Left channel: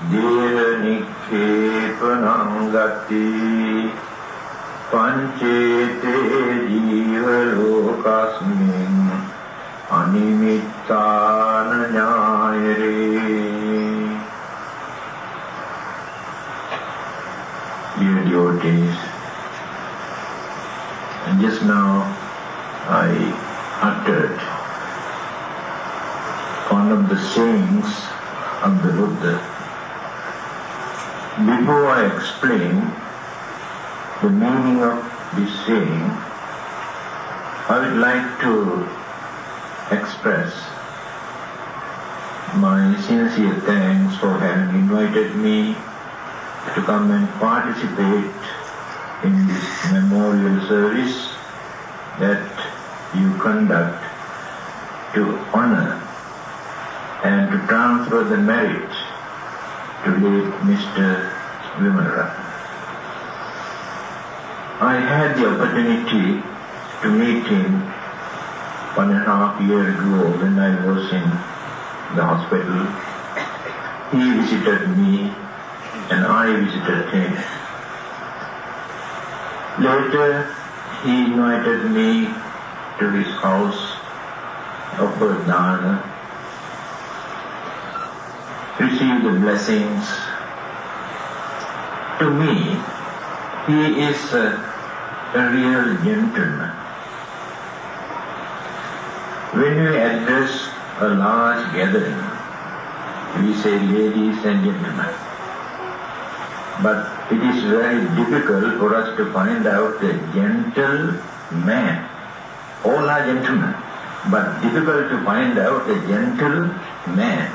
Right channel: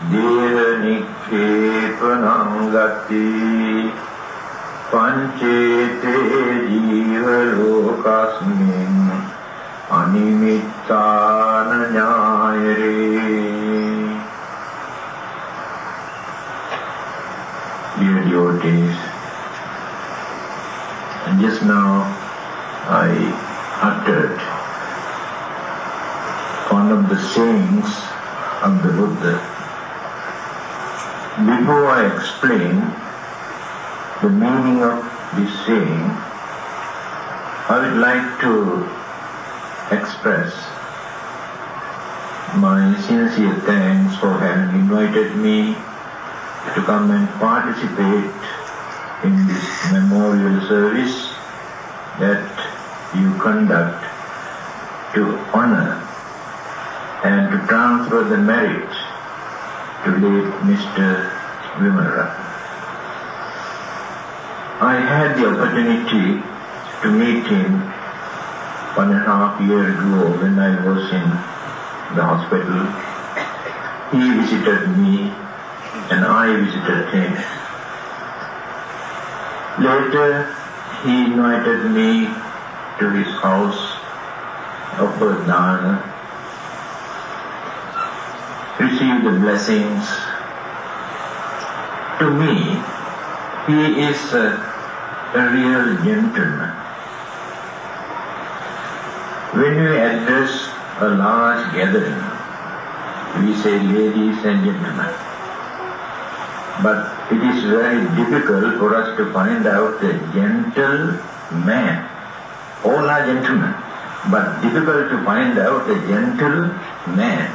Dehanitvepanangati Panchete Jivalokasmin Animittana Nyayare. Dear devotees, and just now I uttered one of the sayings of the Buddha. Before I explain the meaning of this saying, I would like to express my sincere thanks for having invited me to come and participate in this memorial service that you conduct to honor and to transfer the merits to late Mr. Dhammananda. I had the opportunity to meet him 1.5 years ago when I was in the hospital. He visited me and I visited him. Later, he invited me to his house, offered dana, received the blessings. To me, he is a real gentleman. When we address a large gathering, we say ladies and gentlemen. But it is very difficult for us to find out a gentleman. All are gentlemen, but difficult to find out a gentleman.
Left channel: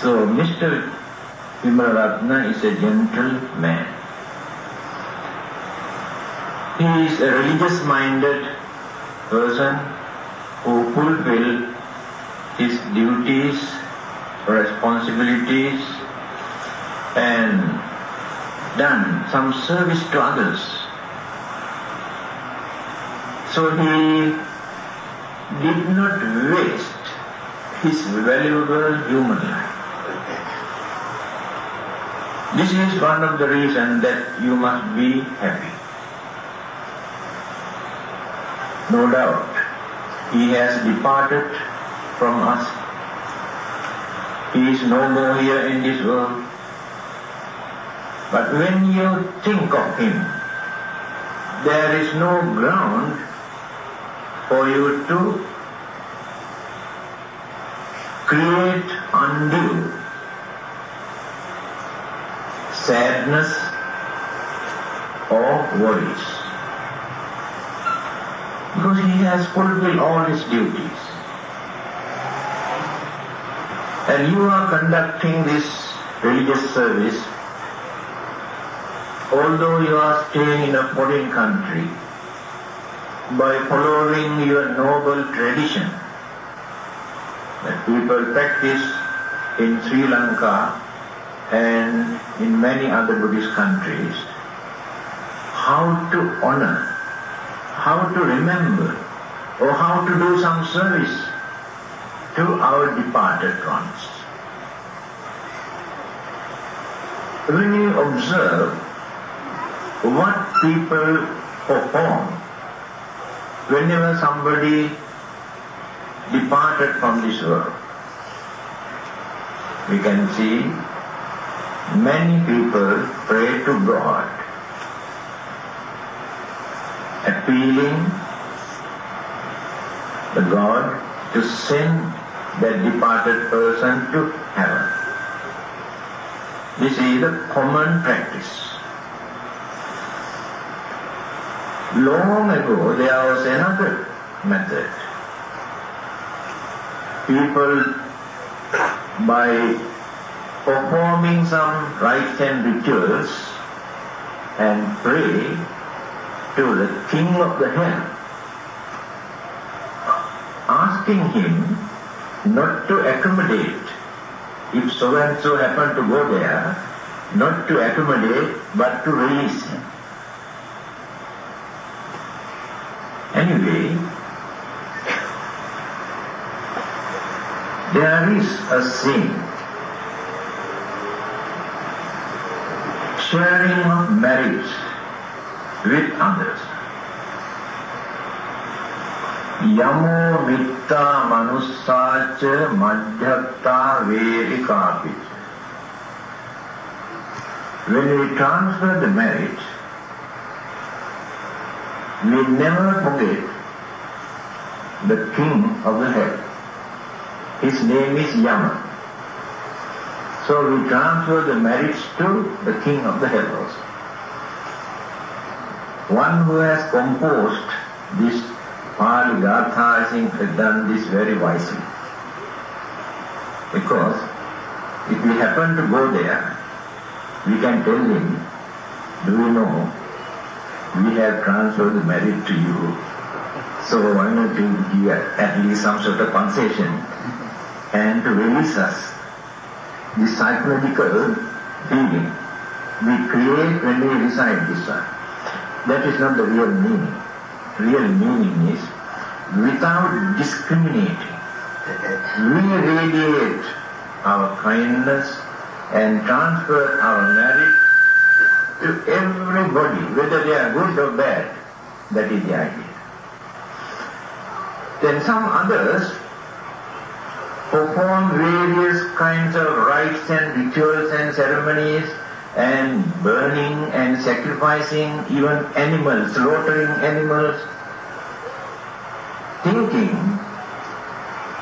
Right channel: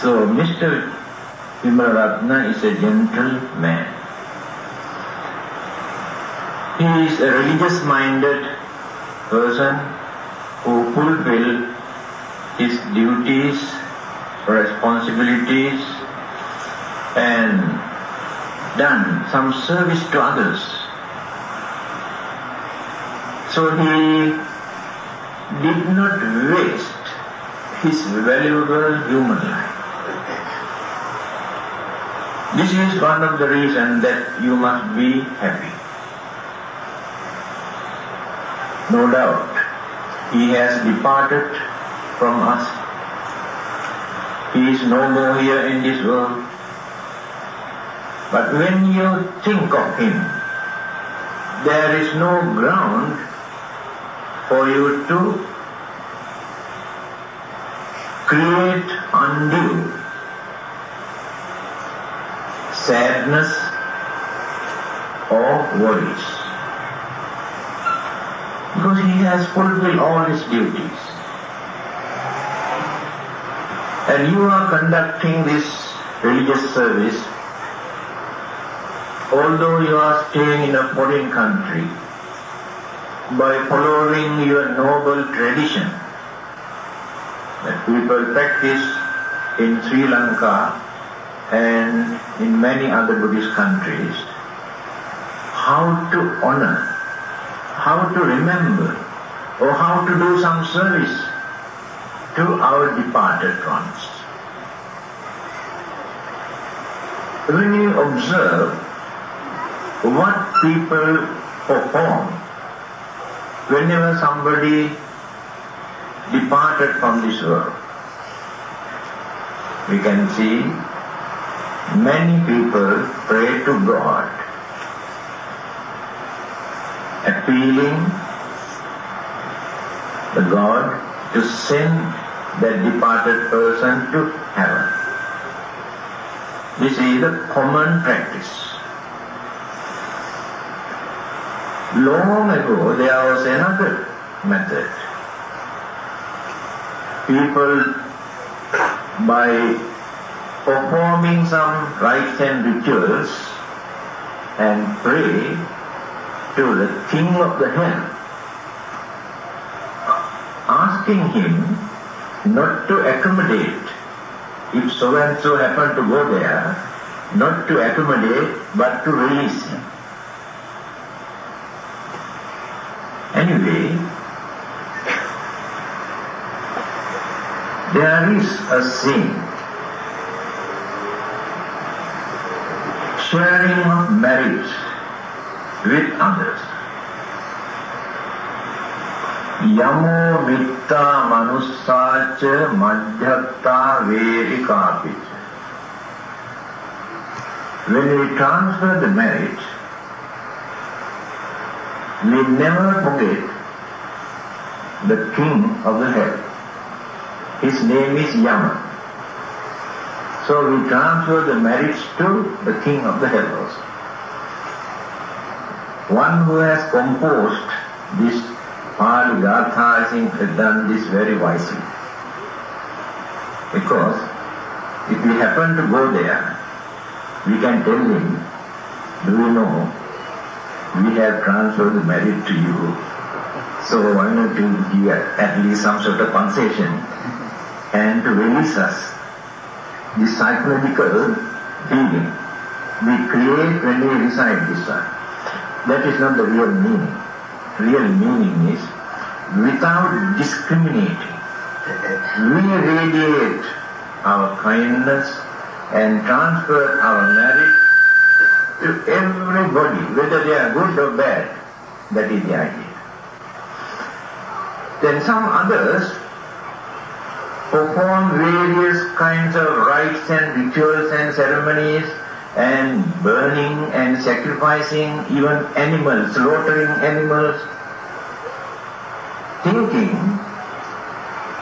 So Mr. Vimalratna is a gentleman. He is a religious-minded person who fulfills his duties, responsibilities, and done some service to others. So he did not waste his valuable human life. This is one of the reasons that you must be happy. No doubt, he has departed from us. He is no more here in this world. But when you think of him, there is no ground for you to create undue sadness or worries. Because he has fulfilled all his duties. And you are conducting this religious service, although you are staying in a foreign country, by following your noble tradition that people practice in Sri Lanka and in many other Buddhist countries, how to honor, how to remember, or how to do some service to our departed ones. When you observe what people perform whenever somebody departed from this world, we can see many people pray to God, appealing the God to send that departed person to heaven. This is a common practice. Long ago, there was another method. People, by performing some rites and rituals and pray to the king of the hell, asking him not to accommodate, if so and so happened to go there, not to accommodate but to release him. Anyway, There is a saying, sharing of marriage with others. Yamo mitta manussacha madhyatta vedikapi. When we transfer the marriage, we never forget the king of the hell. His name is Yama. So we transfer the marriage to the king of the hell also. One who has composed this Pali Gatha, I think, has done this very wisely. Because if we happen to go there, we can tell him, do you know, we have transferred the marriage to you, so why not you give at least some sort of concession and to release us. The psychological feeling we create when we recite this one. That is not the real meaning. Real meaning is, without discriminating, we radiate our kindness and transfer our marriage to everybody, whether they are good or bad. That is the idea. Then some others perform various kinds of rites and rituals and ceremonies and burning and sacrificing even animals, slaughtering animals, thinking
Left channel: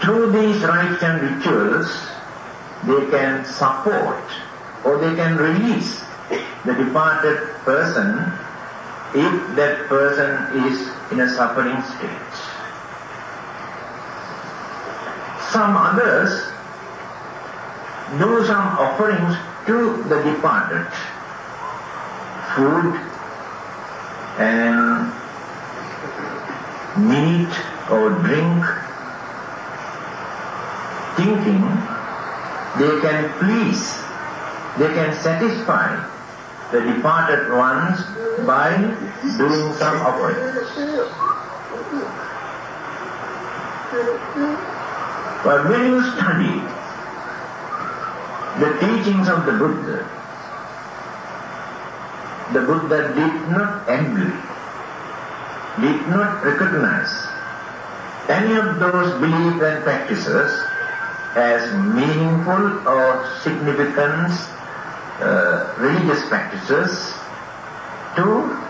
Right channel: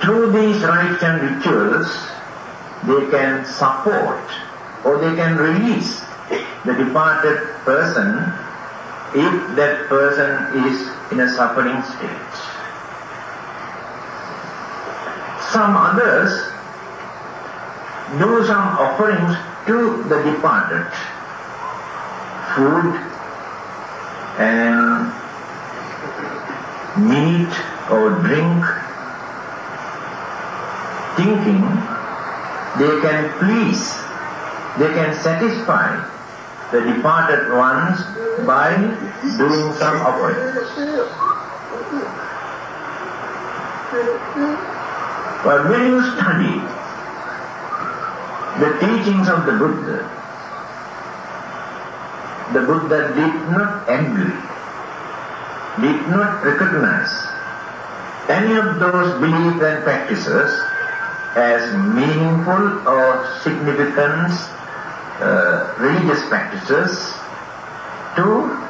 through these rites and rituals they can support or they can release the departed person if that person is in a suffering state. Some others do some offerings to the departed, food and meat or drink, thinking they can please, they can satisfy the departed ones by doing some offerings. But when you study the teachings of the Buddha did not agree, did not recognize any of those beliefs and practices as meaningful or significant religious practices to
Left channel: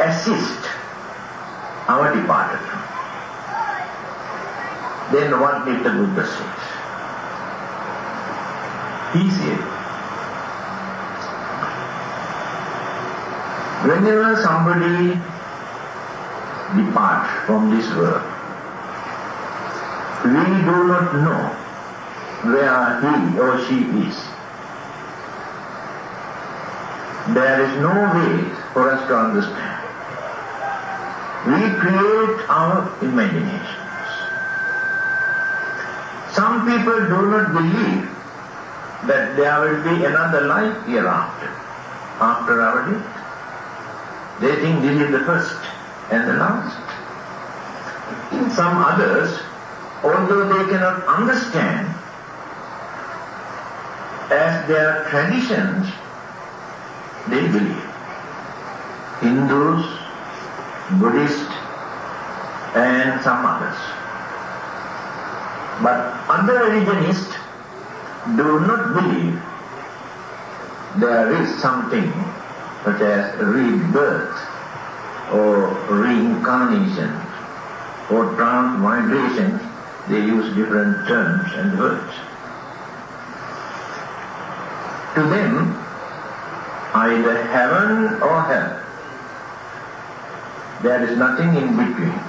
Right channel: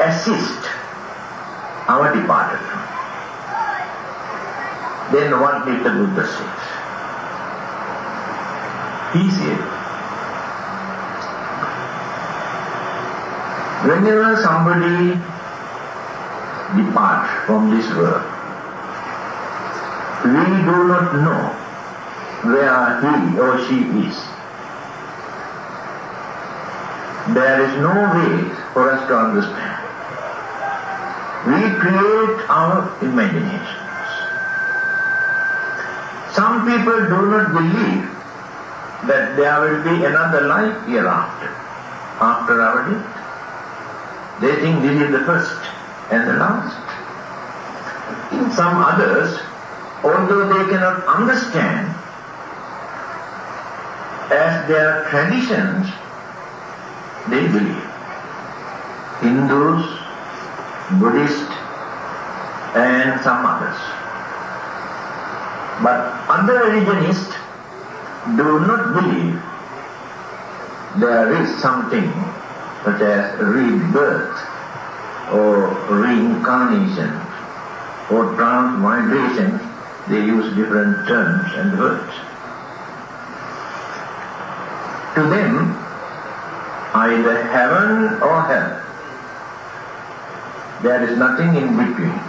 assist our departed. Then what did the Buddha say? He said, whenever somebody departs from this world, we do not know where he or she is. There is no way for us to understand. We create our imaginations. Some people do not believe that there will be another life hereafter, after our death. They think this is the first and the last. Some others, although they cannot understand, as their traditions, they believe. Hindus, Buddhists, and some others. But other religionists do not believe there is something such as rebirth or reincarnation or transmigration. They use different terms and words. To them, either heaven or hell. There is nothing in between.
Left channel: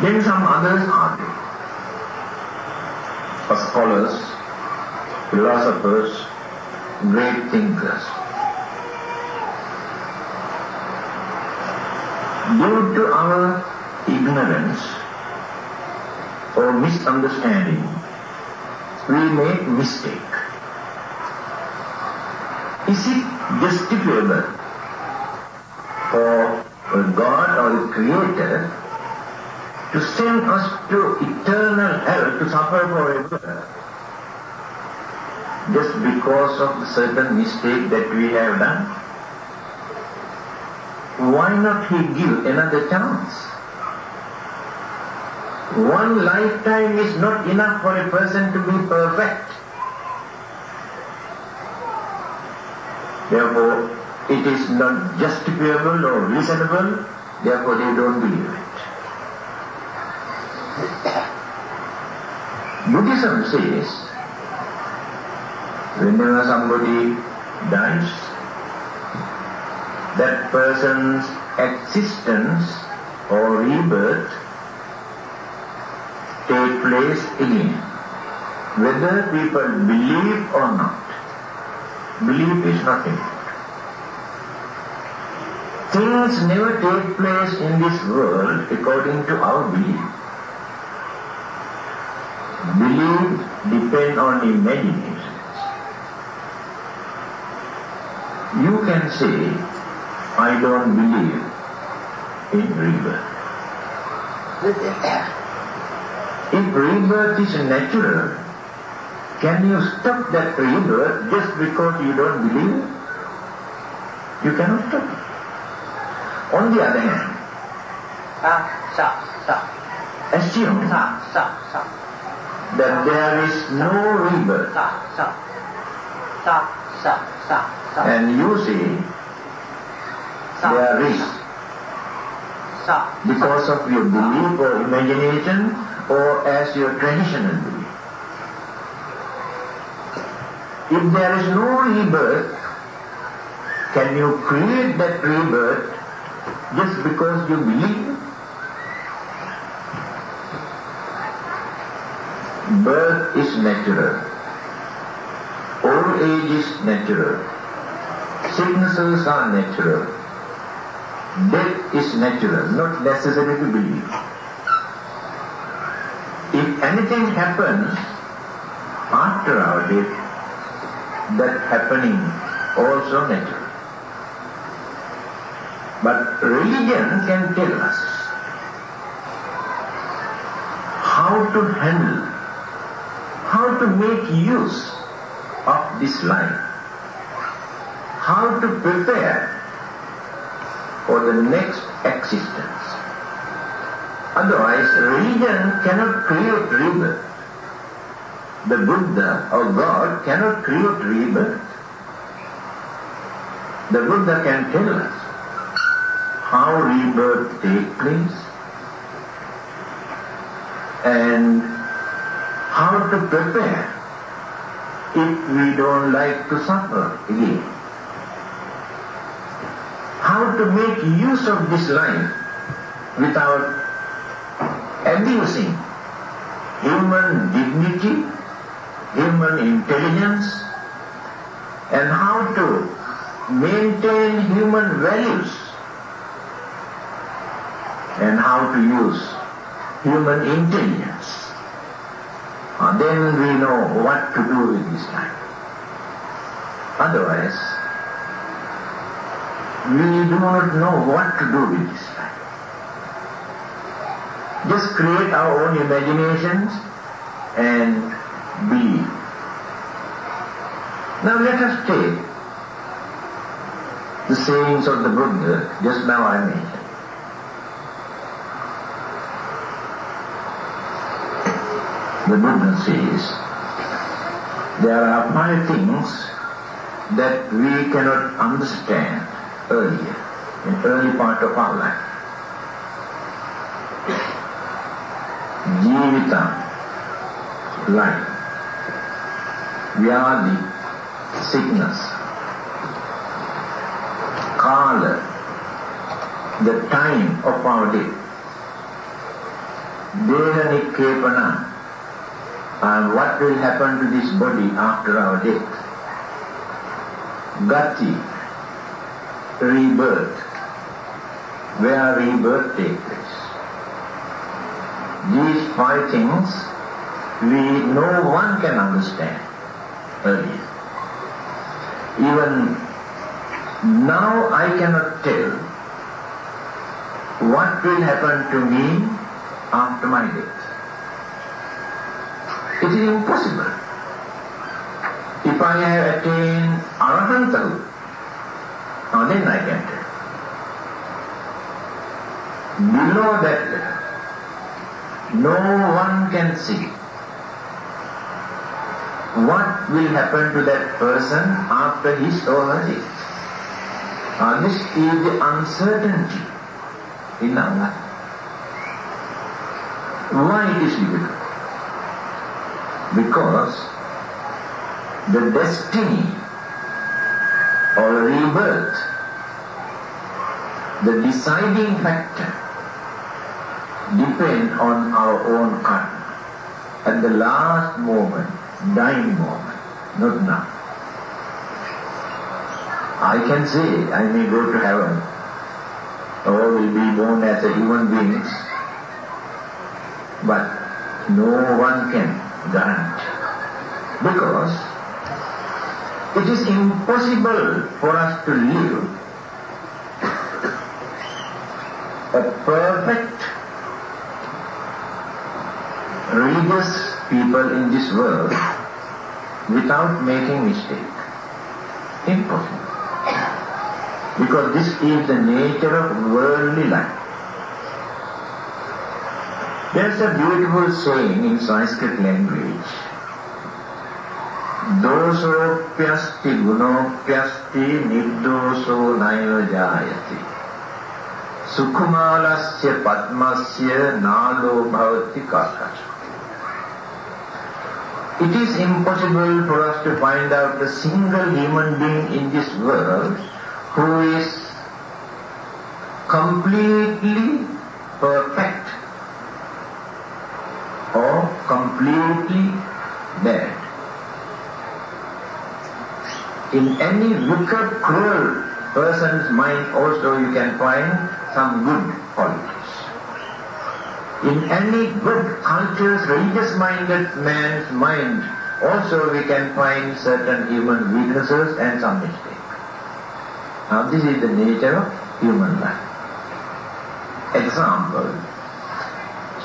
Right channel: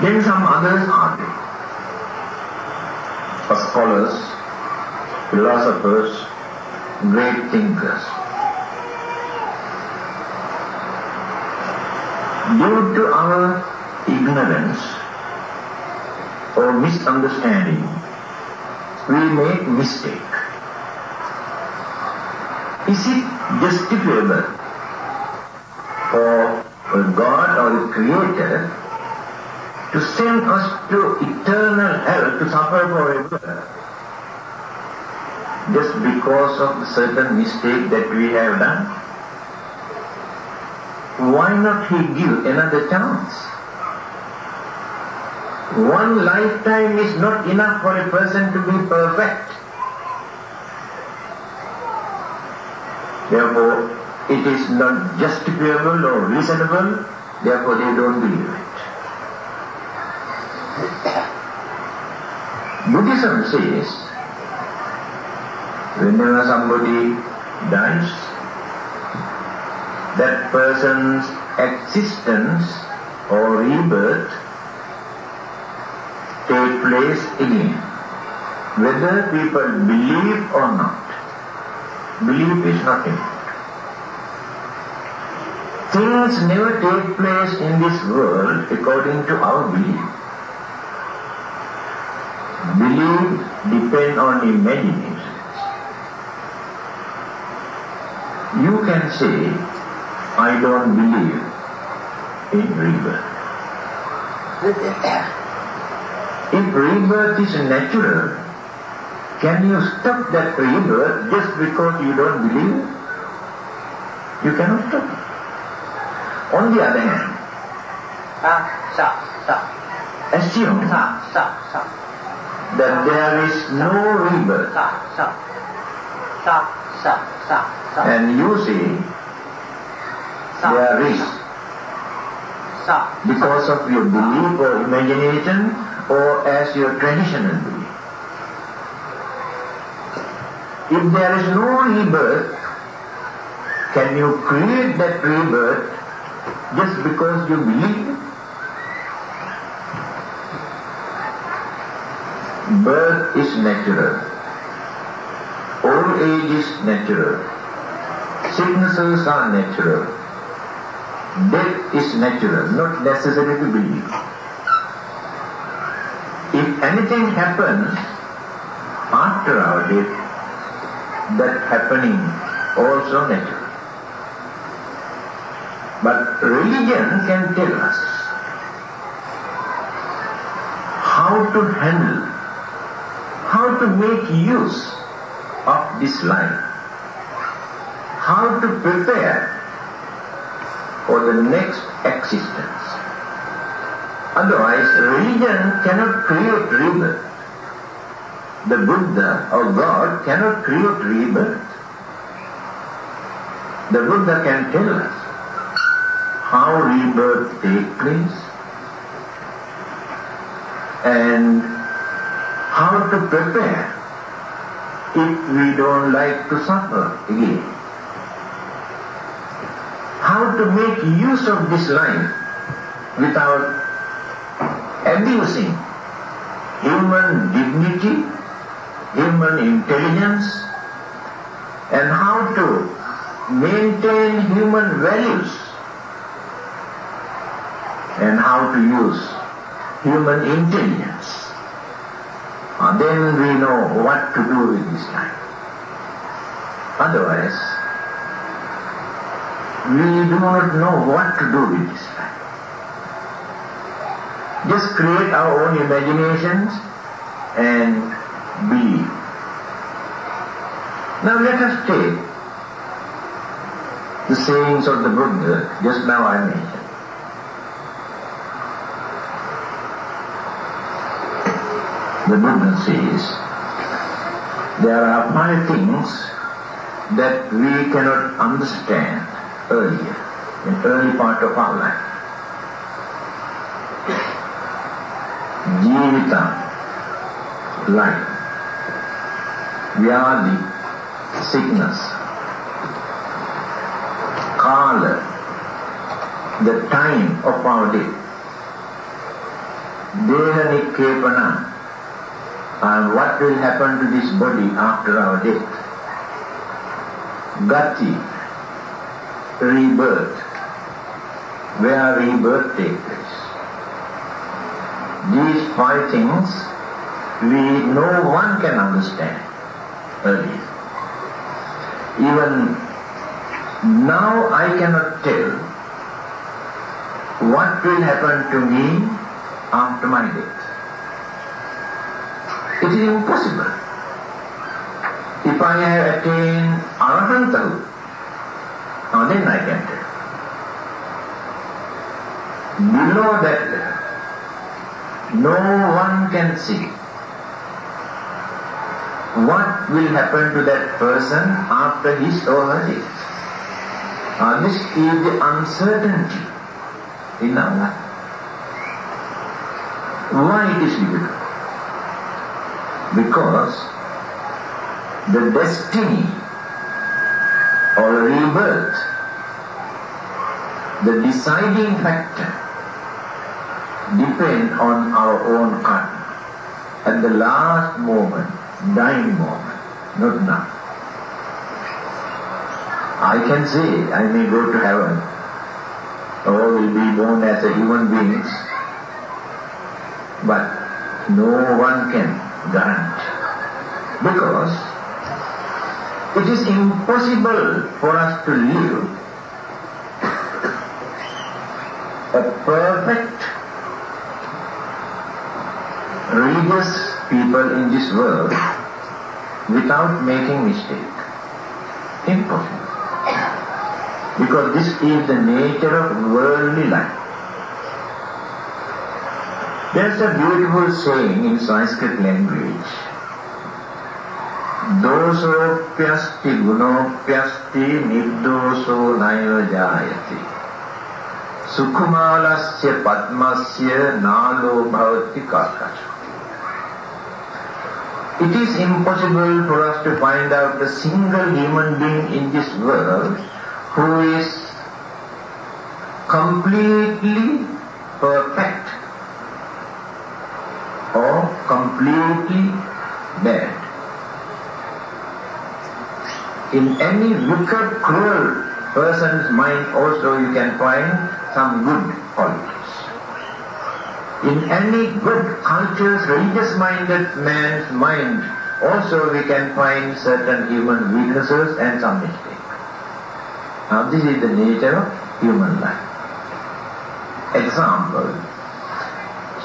Then some others argue. Scholars, philosophers, great thinkers. Due to our ignorance or misunderstanding, we make mistake. Is it justifiable for a God or a creator to send us to eternal hell to suffer forever just because of the certain mistake that we have done? Why not He give another chance? One lifetime is not enough for a person to be perfect. Therefore, it is not justifiable or reasonable, therefore they don't believe it. Buddhism says, whenever somebody dies, that person's existence or rebirth take place again, whether people believe or not. Belief is not enough. Things never take place in this world according to our belief. Belief depends on imagination. You can say, I don't believe in rebirth. If rebirth is natural, can you stop that rebirth just because you don't believe? You cannot stop it. On the other hand, assume that there is no rebirth, and you say there is, because of your belief or imagination or as your traditional belief. If there is no rebirth, can you create that rebirth just because you believe? Birth is natural. Old age is natural. Sicknesses are natural. Death is natural, not necessary to believe. If anything happens after our death, that happening also natural. But religion can tell us how to handle, how to make use of this life, how to prepare for the next existence. Otherwise, religion cannot create rebirth. The Buddha or God cannot create rebirth. The Buddha can tell us how rebirth takes place and how to prepare if we don't like to suffer again. How to make use of this life without abusing human dignity, human intelligence, and how to maintain human values and how to use human intelligence. Then we know what to do with this life. Otherwise, we do not know what to do with this life. Just create our own imaginations and believe. Now let us take the sayings of the Buddha just now I mentioned. The Buddha says, there are 5 things that we cannot understand earlier, in early part of our life. Jivita, life. Vyadi, sickness. Kala, the time of our death. Deha nikkepana, and what will happen to this body after our death. Gati, rebirth, where rebirth takes place. These 5 things no one can understand earlier. Even now I cannot tell what will happen to me after my death. It is impossible. If I have attained Arahantahood, then I can tell. Below that level, no one can see what will happen to that person after his or her death. This is the uncertainty in our life. Why it is difficult? Because the destiny or rebirth, the deciding factor, depends on our own karma. At the last moment, dying moment, not now. I can say I may go to heaven or will be born as a human being, but no one can guarantee. Because it is impossible for us to live a perfect religious people in this world without making mistake. Impossible. Because this is the nature of worldly life. There's a beautiful saying in Sanskrit language. Dosopyasti gunopyasti nirdoso naiva jayati. Sukhumalasya padmasya nalo bhavati karkasha. It is impossible for us to find out a single human being in this world who is completely perfect or completely bad. In any wicked, cruel person's mind also you can find some good qualities. In any good, cultured, religious-minded man's mind also we can find certain human weaknesses and some mistakes. Now this is the nature of human life. Example,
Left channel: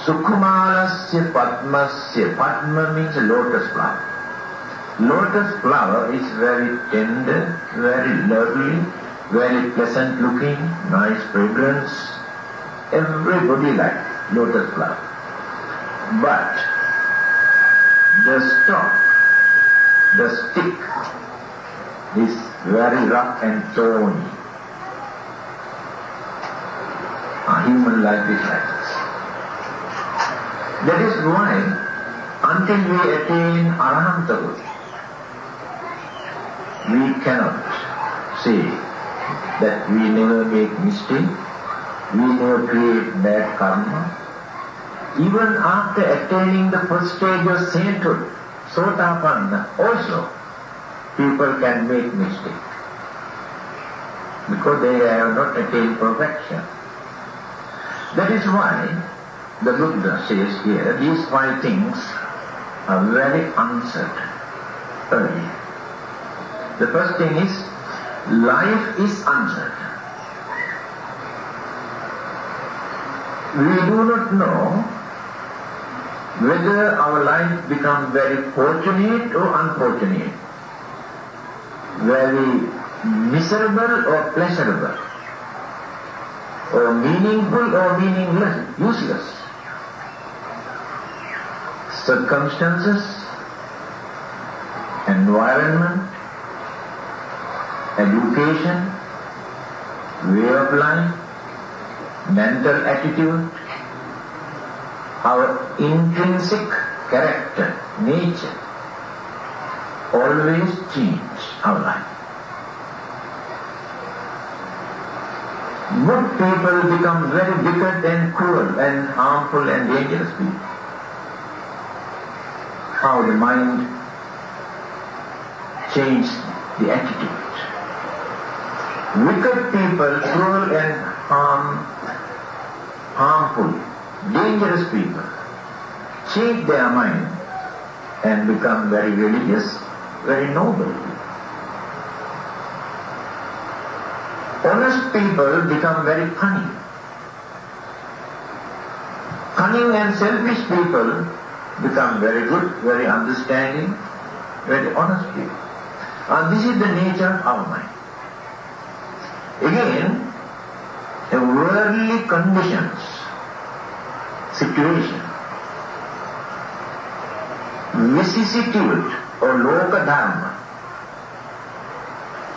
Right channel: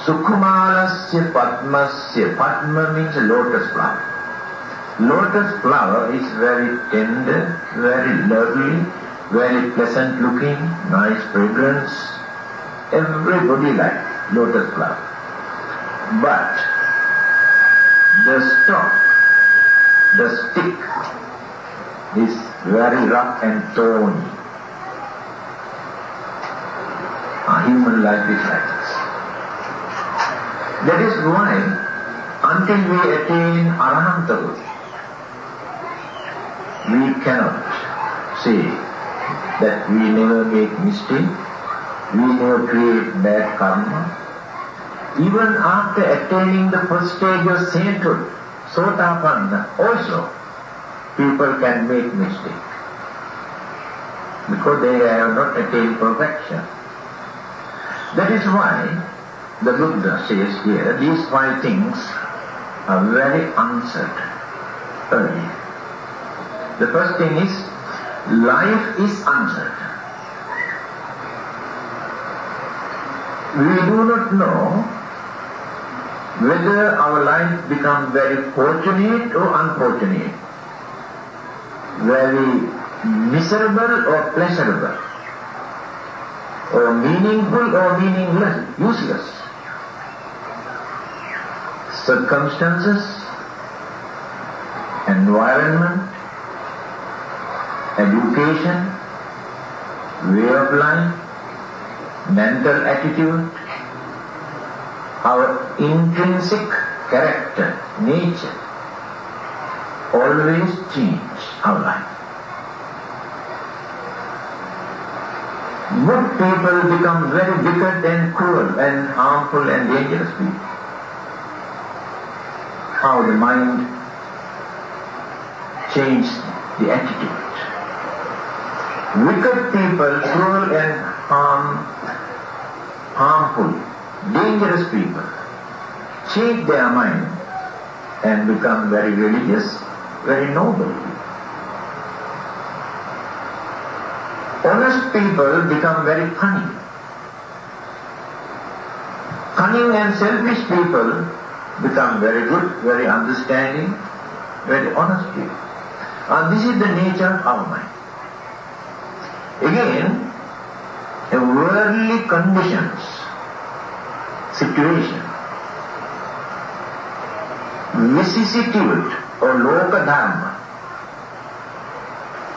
Sukhumalasya Padmasya. Padma means lotus flower. Lotus flower is very tender, very lovely, very pleasant looking, nice fragrance. Everybody likes lotus flower. But the stalk, the stick, is very rough and thorny. Human life is like this. That is why, until we attain Arahantahood, we cannot say that we never make mistake, we never create bad karma. Even after attaining the first stage of sainthood, Sotapanna, also people can make mistake because they have not attained perfection. That is why the Buddha says here, these 5 things are very uncertain early. The first thing is, life is uncertain. We do not know whether our life becomes very fortunate or unfortunate, very miserable or pleasurable, or meaningful or meaningless, useless. Circumstances, environment, education, way of life, mental attitude, our intrinsic character, nature, always change our life. Good people become very wicked and cruel and harmful and dangerous people. How the mind changed the attitude. Wicked people, cruel and harmful, dangerous people, change their mind and become very religious, very noble. Honest people become very cunning. Cunning and selfish people become very good, very understanding, very honest people. This is the nature of our mind. Again, a worldly conditions, situation, vicissitude or loka dharma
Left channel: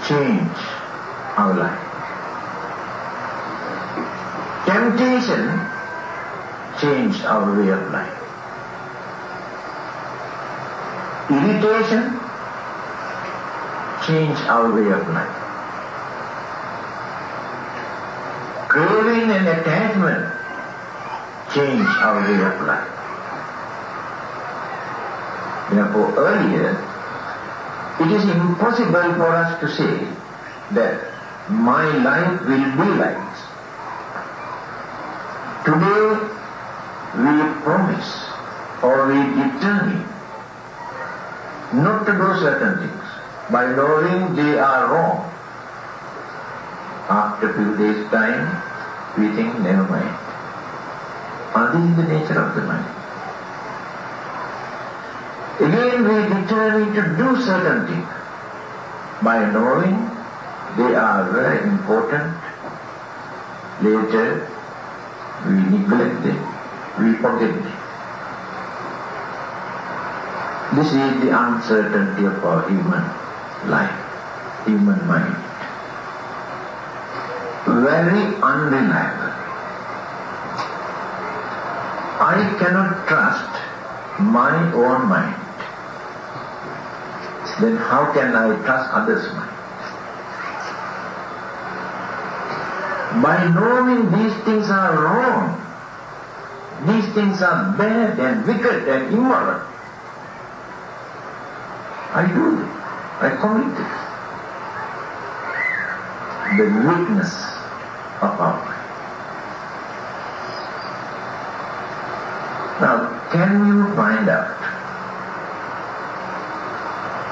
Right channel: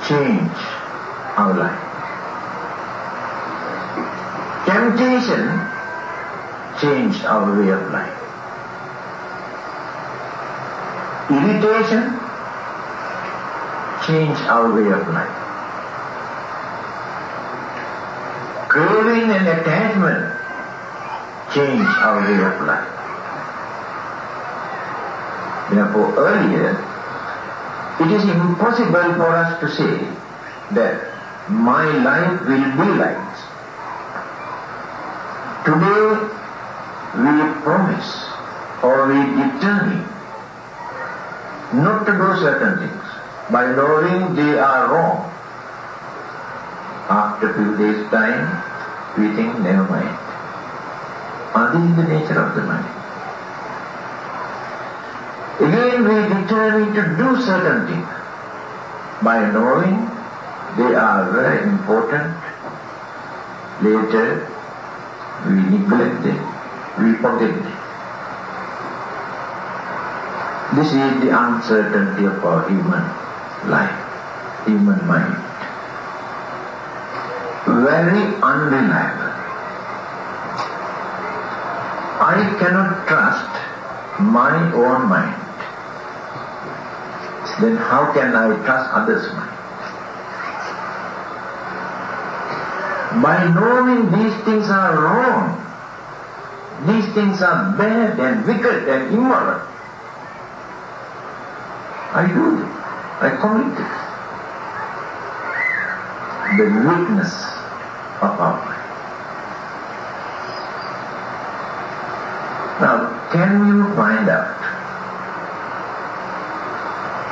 change our life. Temptation change our way of life. Irritation change our way of life. Craving and attachment change our way of life. Therefore, earlier, it is impossible for us to say that my life will be like this. Today, we promise or we determine not to do certain things by knowing they are wrong. After a few days' time, we think, never mind. This is the nature of the mind. Again, we determine to do certain things by knowing they are very important. Later, we neglect them, we forget them. This is the uncertainty of our human life, human mind. Very unreliable. I cannot trust my own mind. Then how can I trust others' mind? By knowing these things are wrong, these things are bad and wicked and immoral, I do it. I commit it. The weakness of our mind. Now, can you find out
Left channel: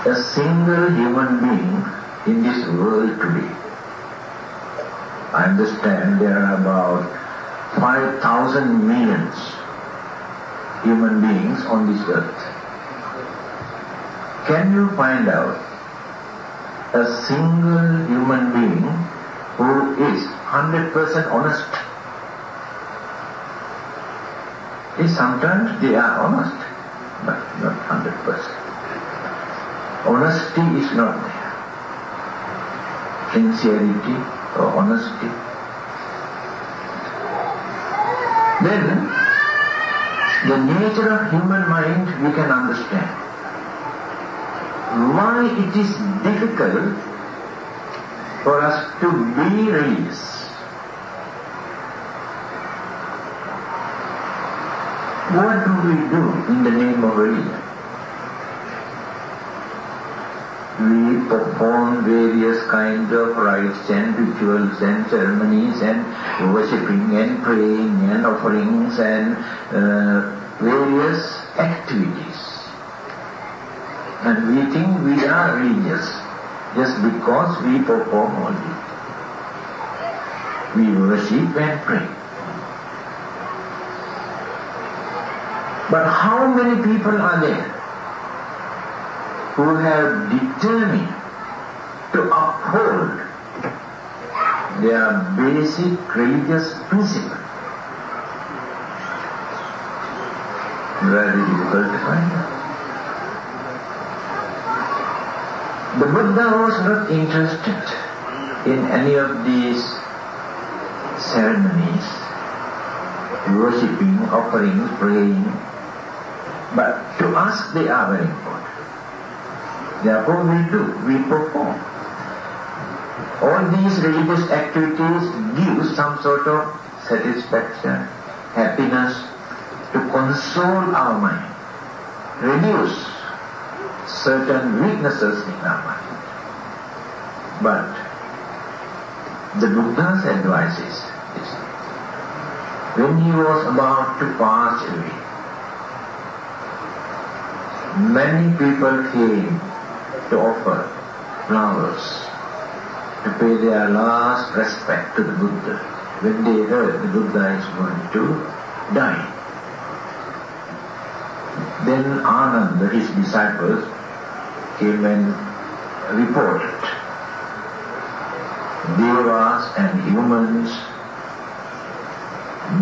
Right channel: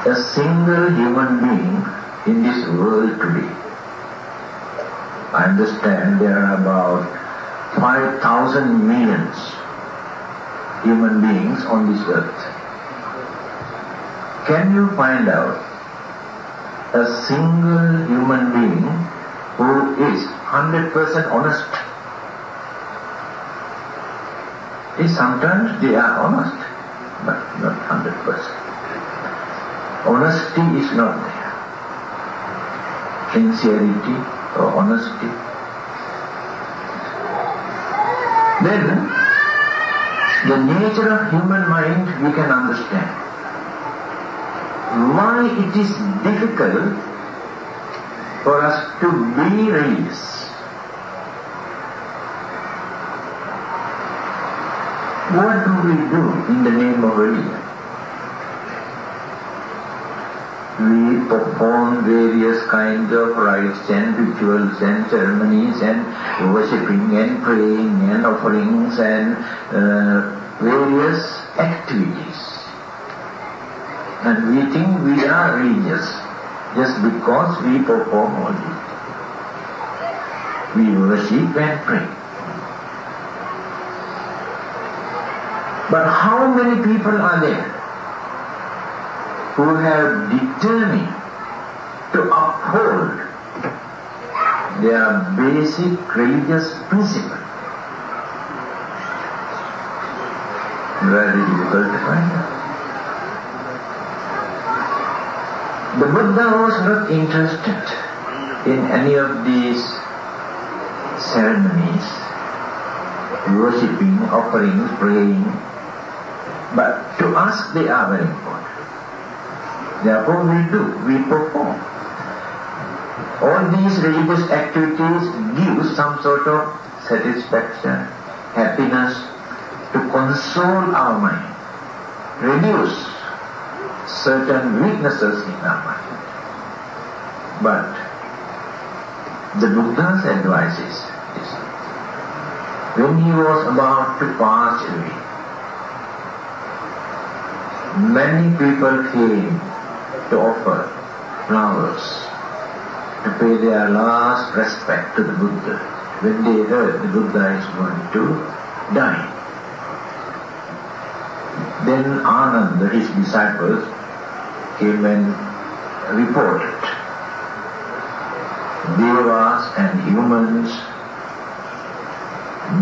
a single human being in this world today? I understand there are about 5,000 millions human beings on this earth. Can you find out a single human being who is 100% honest? Sometimes they are honest, but not 100%. Honesty is not there. Sincerity or honesty. Then, the nature of human mind we can understand. Why it is difficult for us to be religious. What do we do in the name of religion? We perform various kinds of rites and rituals and ceremonies and worshipping and praying and offerings and various activities. And we think we are religious just because we perform all this. We worship and pray. But how many people are there who have determined to uphold their basic religious principle? Very difficult to find. The Buddha was not interested in any of these ceremonies, worshipping, offering, praying, but to us they are very important. Therefore we perform. All these religious activities give some sort of satisfaction, happiness, to console our mind, reduce certain weaknesses in our mind. But the Buddha's advice is this. When he was about to pass away, many people came to offer flowers to pay their last respect to the Buddha when they heard the Buddha is going to die. Then Ananda, his disciples, came and reported. Devas and humans,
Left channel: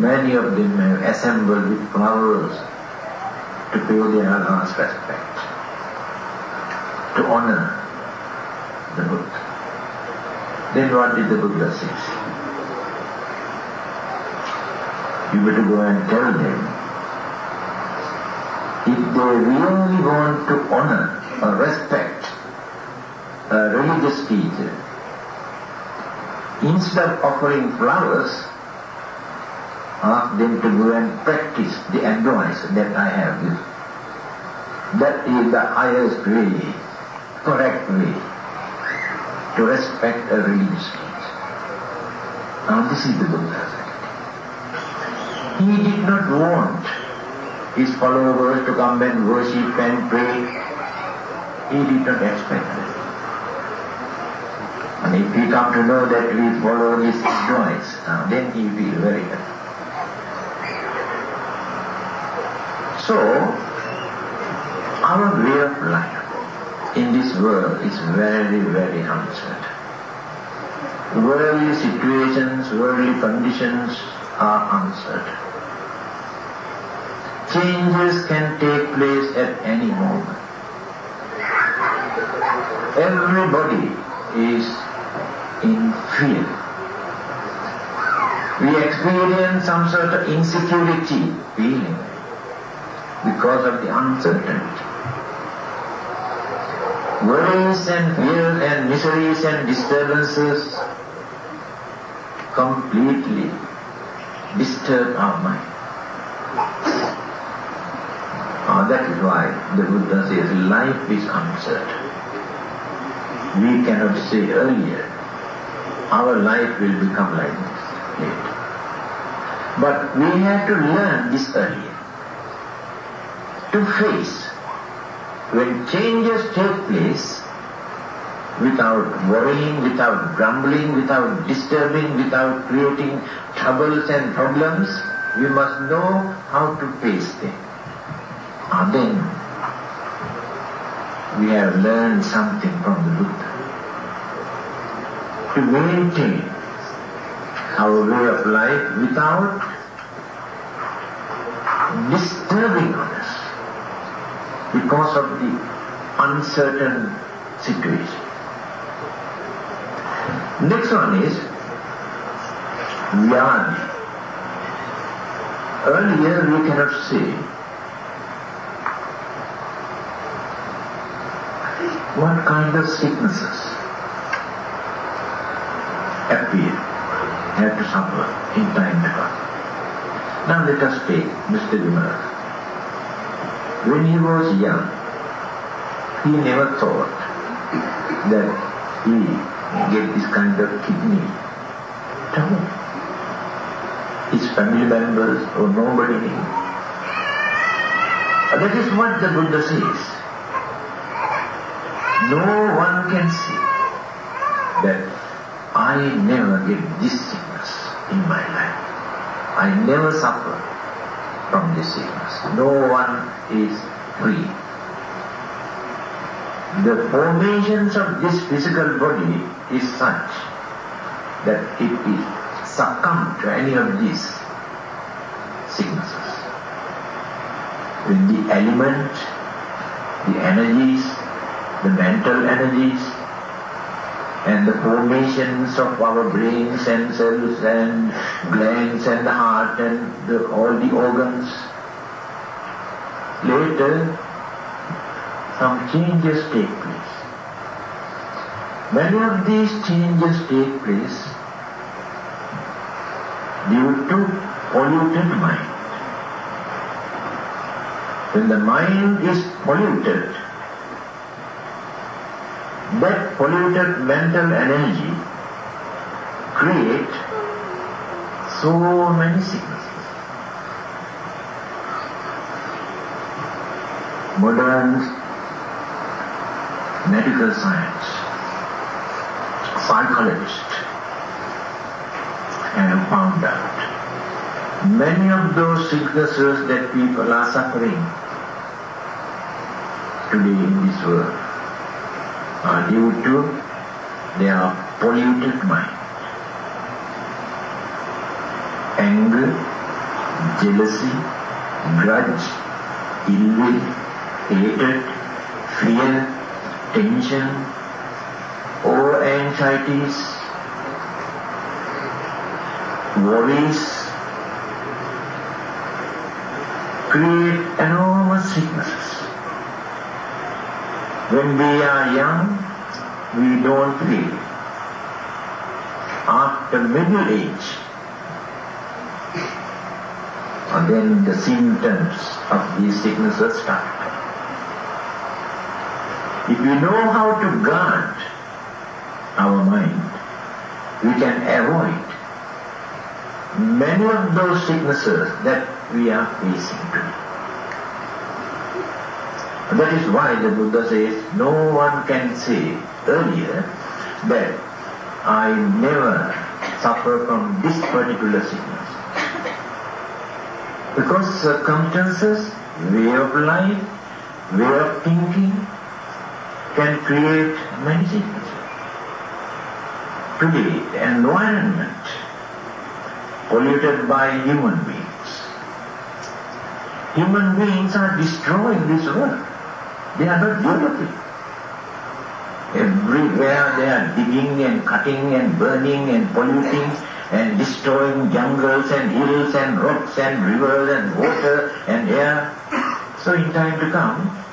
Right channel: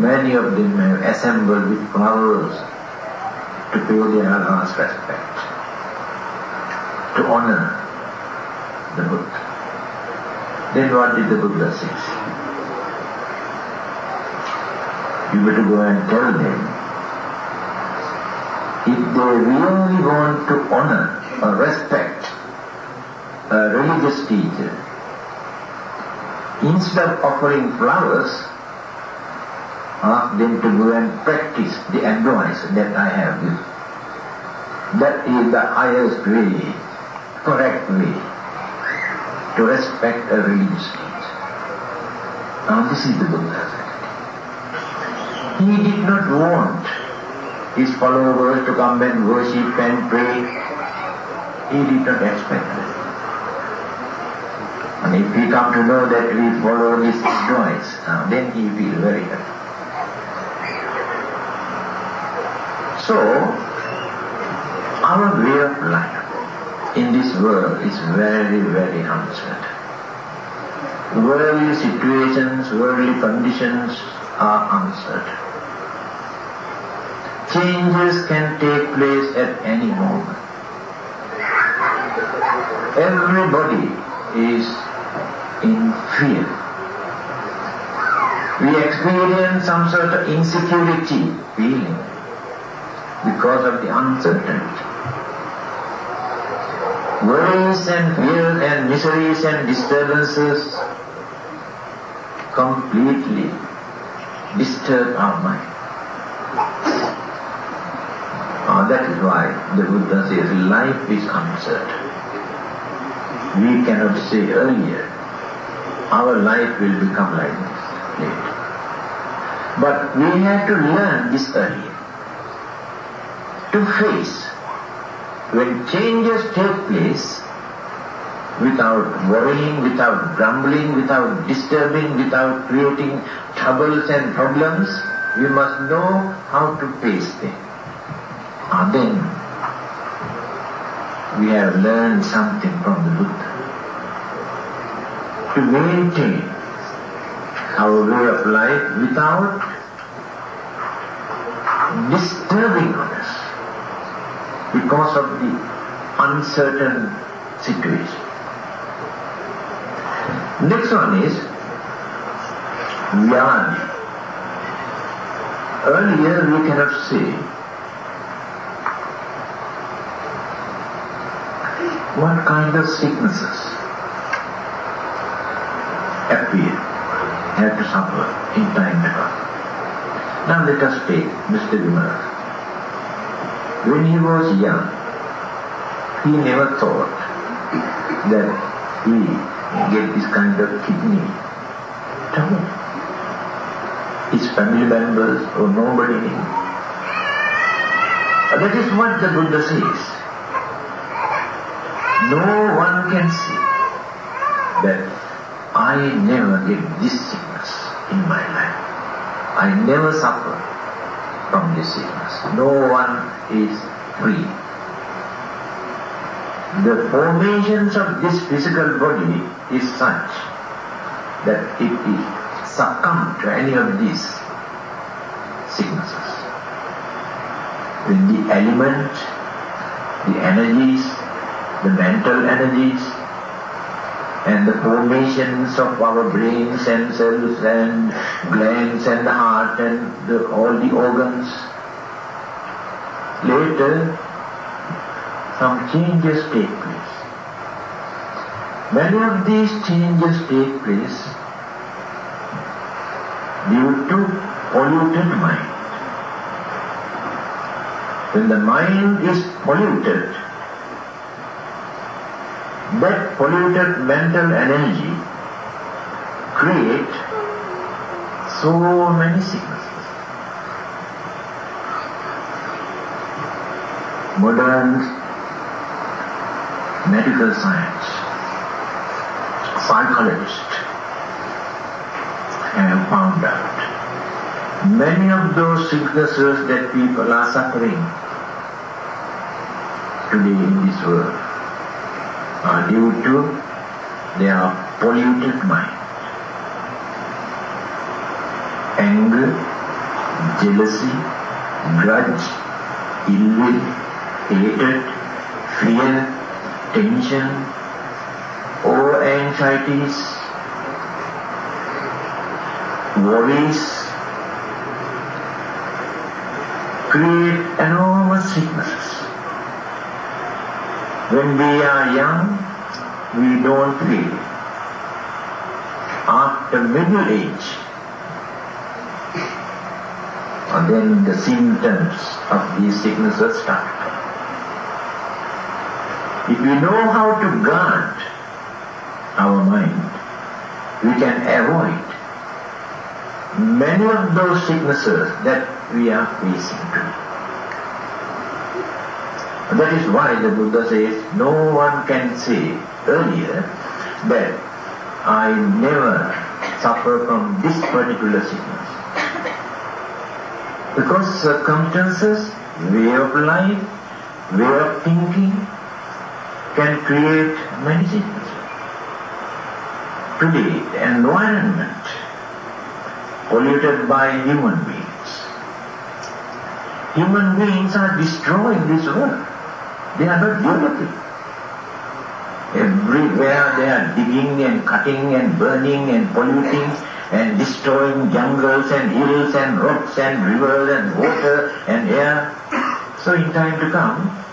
many of them have assembled with flowers to pay their last respect, to honor the Buddha. Then what did the Buddha say? You were to go and tell them, if they really want to honor or respect a religious teacher, instead of offering flowers, ask them to go and practice the advice that I have given. That is the highest way, correct way to respect a religious teacher. Now this is the Buddha. He did not want his followers to come and worship and pray. He did not expect that. And if we come to know that we follow his advice, then he will feel very happy. So, our way of life in this world is very, very uncertain. Worldly situations, worldly conditions are uncertain. Changes can take place at any moment. Everybody is in fear. We experience some sort of insecurity feeling because of the uncertainty. Worries and fears and miseries and disturbances completely disturb our mind. That is why the Buddha says life is uncertain. We cannot say earlier, our life will become like this later. But we have to learn this early. To face when changes take place without worrying, without grumbling, without disturbing, without creating troubles and problems, we must know how to face them. Then we have learned something from the Buddha. To maintain our way of life without disturbing others because of the uncertain situation. Next one is Vyadi. Earlier we cannot say what kind of sicknesses appear, have to suffer in time to come. Now let us take Mr. Dhammananda. When he was young, he never thought that he may get this kind of kidney trouble. His family members or nobody knew. That is what the Buddha says. No one can say that I never get this sickness in my life. I never suffer from this sickness. No one is free. The formations of this physical body is such that if we succumb to any of these sicknesses, when the elements, the energies, the mental energies, and the formations of our brains and cells and glands and the heart and all the organs, later some changes take place. Many of these changes take place due to polluted mind. When the mind is polluted, that polluted mental energy creates so many sicknesses. Modern medical science, psychologists have found out many of those sicknesses that people are suffering today in this world are due to their polluted mind. Anger, jealousy, grudge, ill will, hatred, fear, tension, or anxieties, worries, create enormous sicknesses. When we are young, we don't feel it. After middle age, then the symptoms of these sicknesses start. If we know how to guard our mind, we can avoid many of those sicknesses that we are facing today. That is why the Buddha says, no one can say earlier that I never suffer from this particular sickness. Because circumstances, way of life, way of thinking can create many sicknesses. Today, the environment polluted by human beings. Human beings are destroying this world. They are not developing. Everywhere they are digging and cutting and burning and polluting and destroying jungles and hills and rocks and rivers and water and air. So in time to come,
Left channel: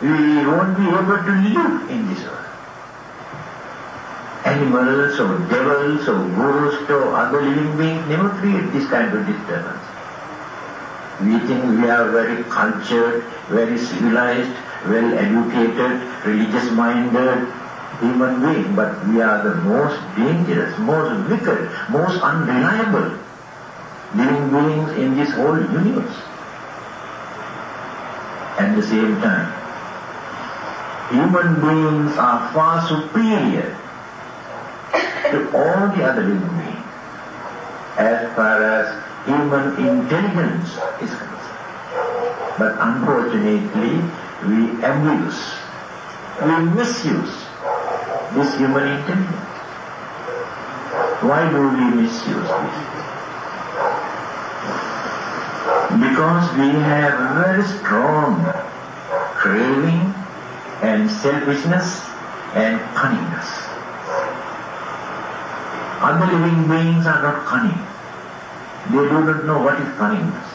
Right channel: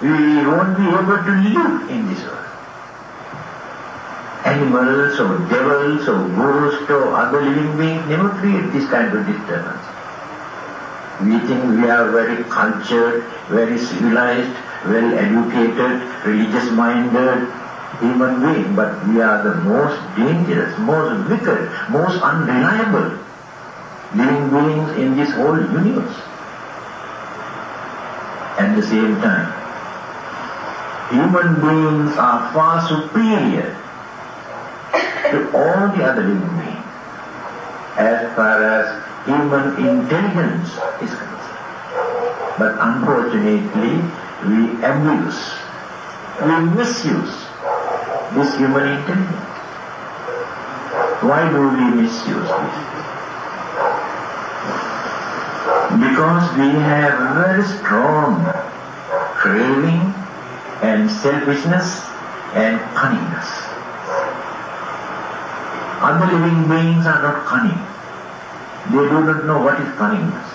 we won't be able to live in this world. Animals or devils or ghosts or other living beings never create this kind of disturbance. We think we are very cultured, very civilized, well educated, religious-minded human beings, but we are the most dangerous, most wicked, most unreliable living beings in this whole universe. At the same time, human beings are far superior to all the other living beings as far as human intelligence is concerned. But unfortunately, we abuse, we misuse this human intelligence. Why do we misuse this? Because we have very strong craving and selfishness and cunningness. Other living beings are not cunning. They do not know what is cunningness.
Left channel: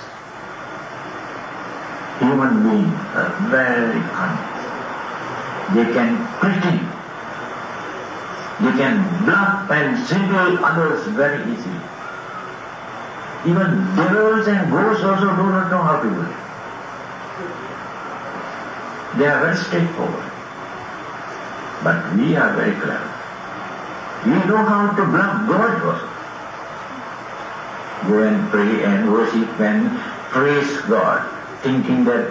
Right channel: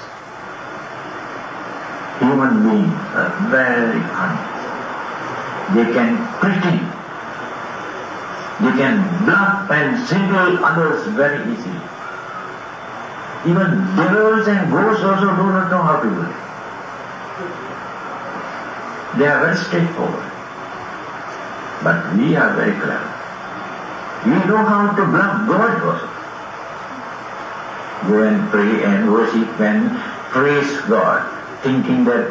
Human beings are very cunning. They can pretend. They can bluff and single others very easily. Even devils and ghosts also do not know how to do it. They are very straightforward. But we are very clever. We know how to bluff God also. Go and pray and worship and praise God, thinking that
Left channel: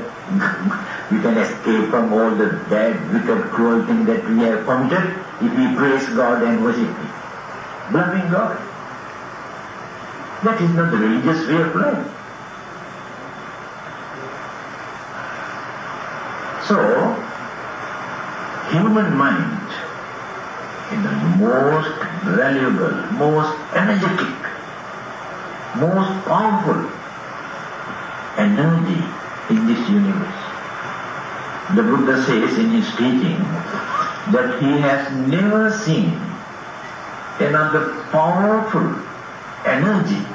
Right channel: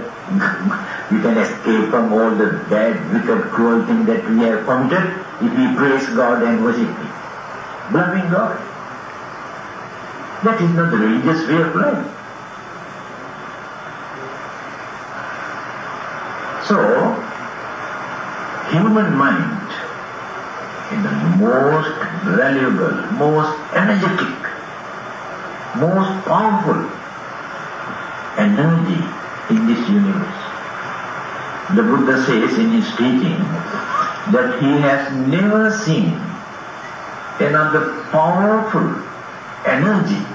we can escape from all the bad, wicked, cruel things that we have committed if we praise God and worship Him. Bluffing God. That is not the religious way of life. So, human mind is the most valuable, most energetic, most powerful energy in this universe. The Buddha says in his teaching that he has never seen another powerful energy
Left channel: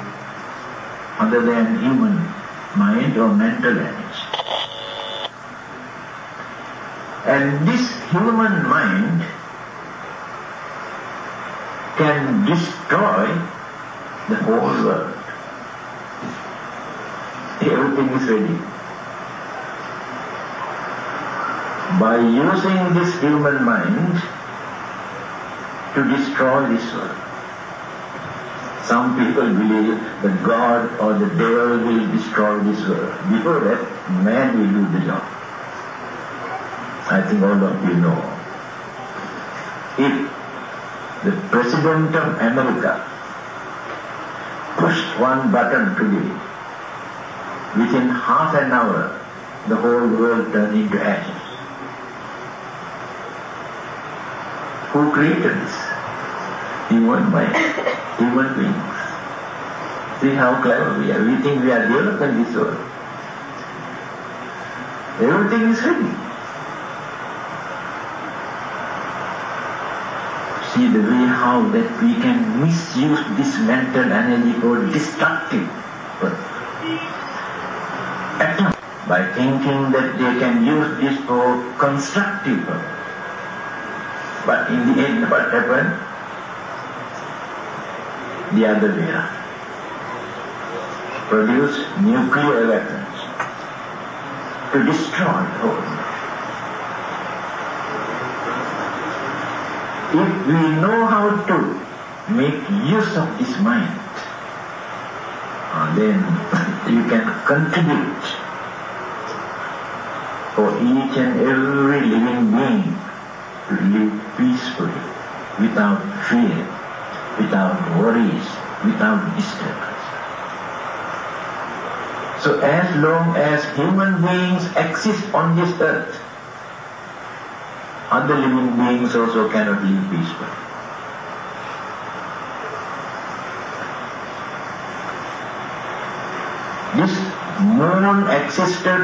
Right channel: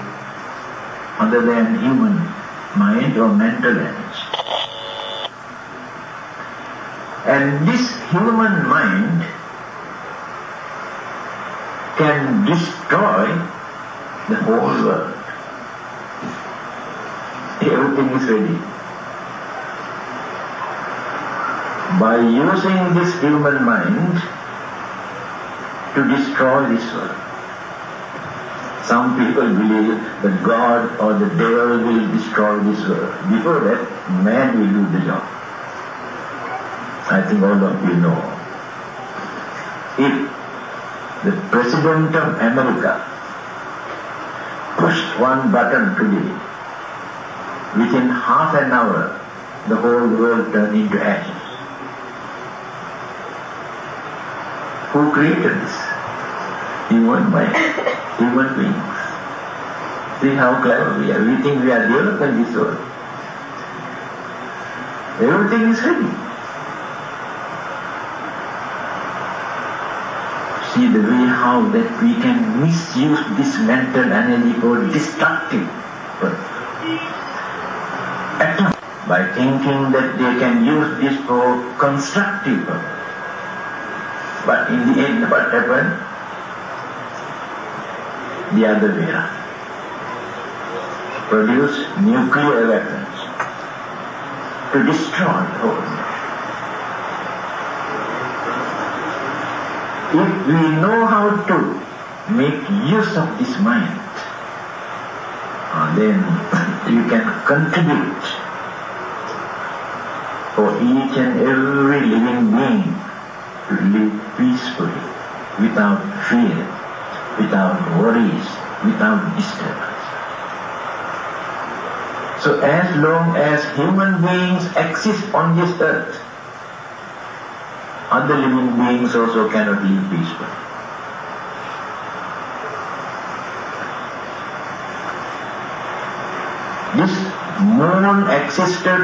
other than human mind or mental energy. And this human mind can destroy the whole world. Everything is ready. By using this human mind to destroy this world. Some people believe that God or the devil will destroy this world. Before that, man will do the job. I think all of you know. If the President of America pushed one button today, within half an hour, the whole world turned into ashes. Who created this? Human mind, human beings. See how clever we are. We think we are developed in this world. Everything is ready. See the way how that we can misuse this mental energy for destructive purpose. By thinking that they can use this for constructive purpose. But in the end, what happened? The other way around. Produce nuclear weapons to destroy the whole world. If we know how to make use of this mind, then you can contribute for each and every living being to live peacefully, without fear, without worries, without disturbance. So as long as human beings exist on this earth, other living beings also cannot live peacefully. This moon existed,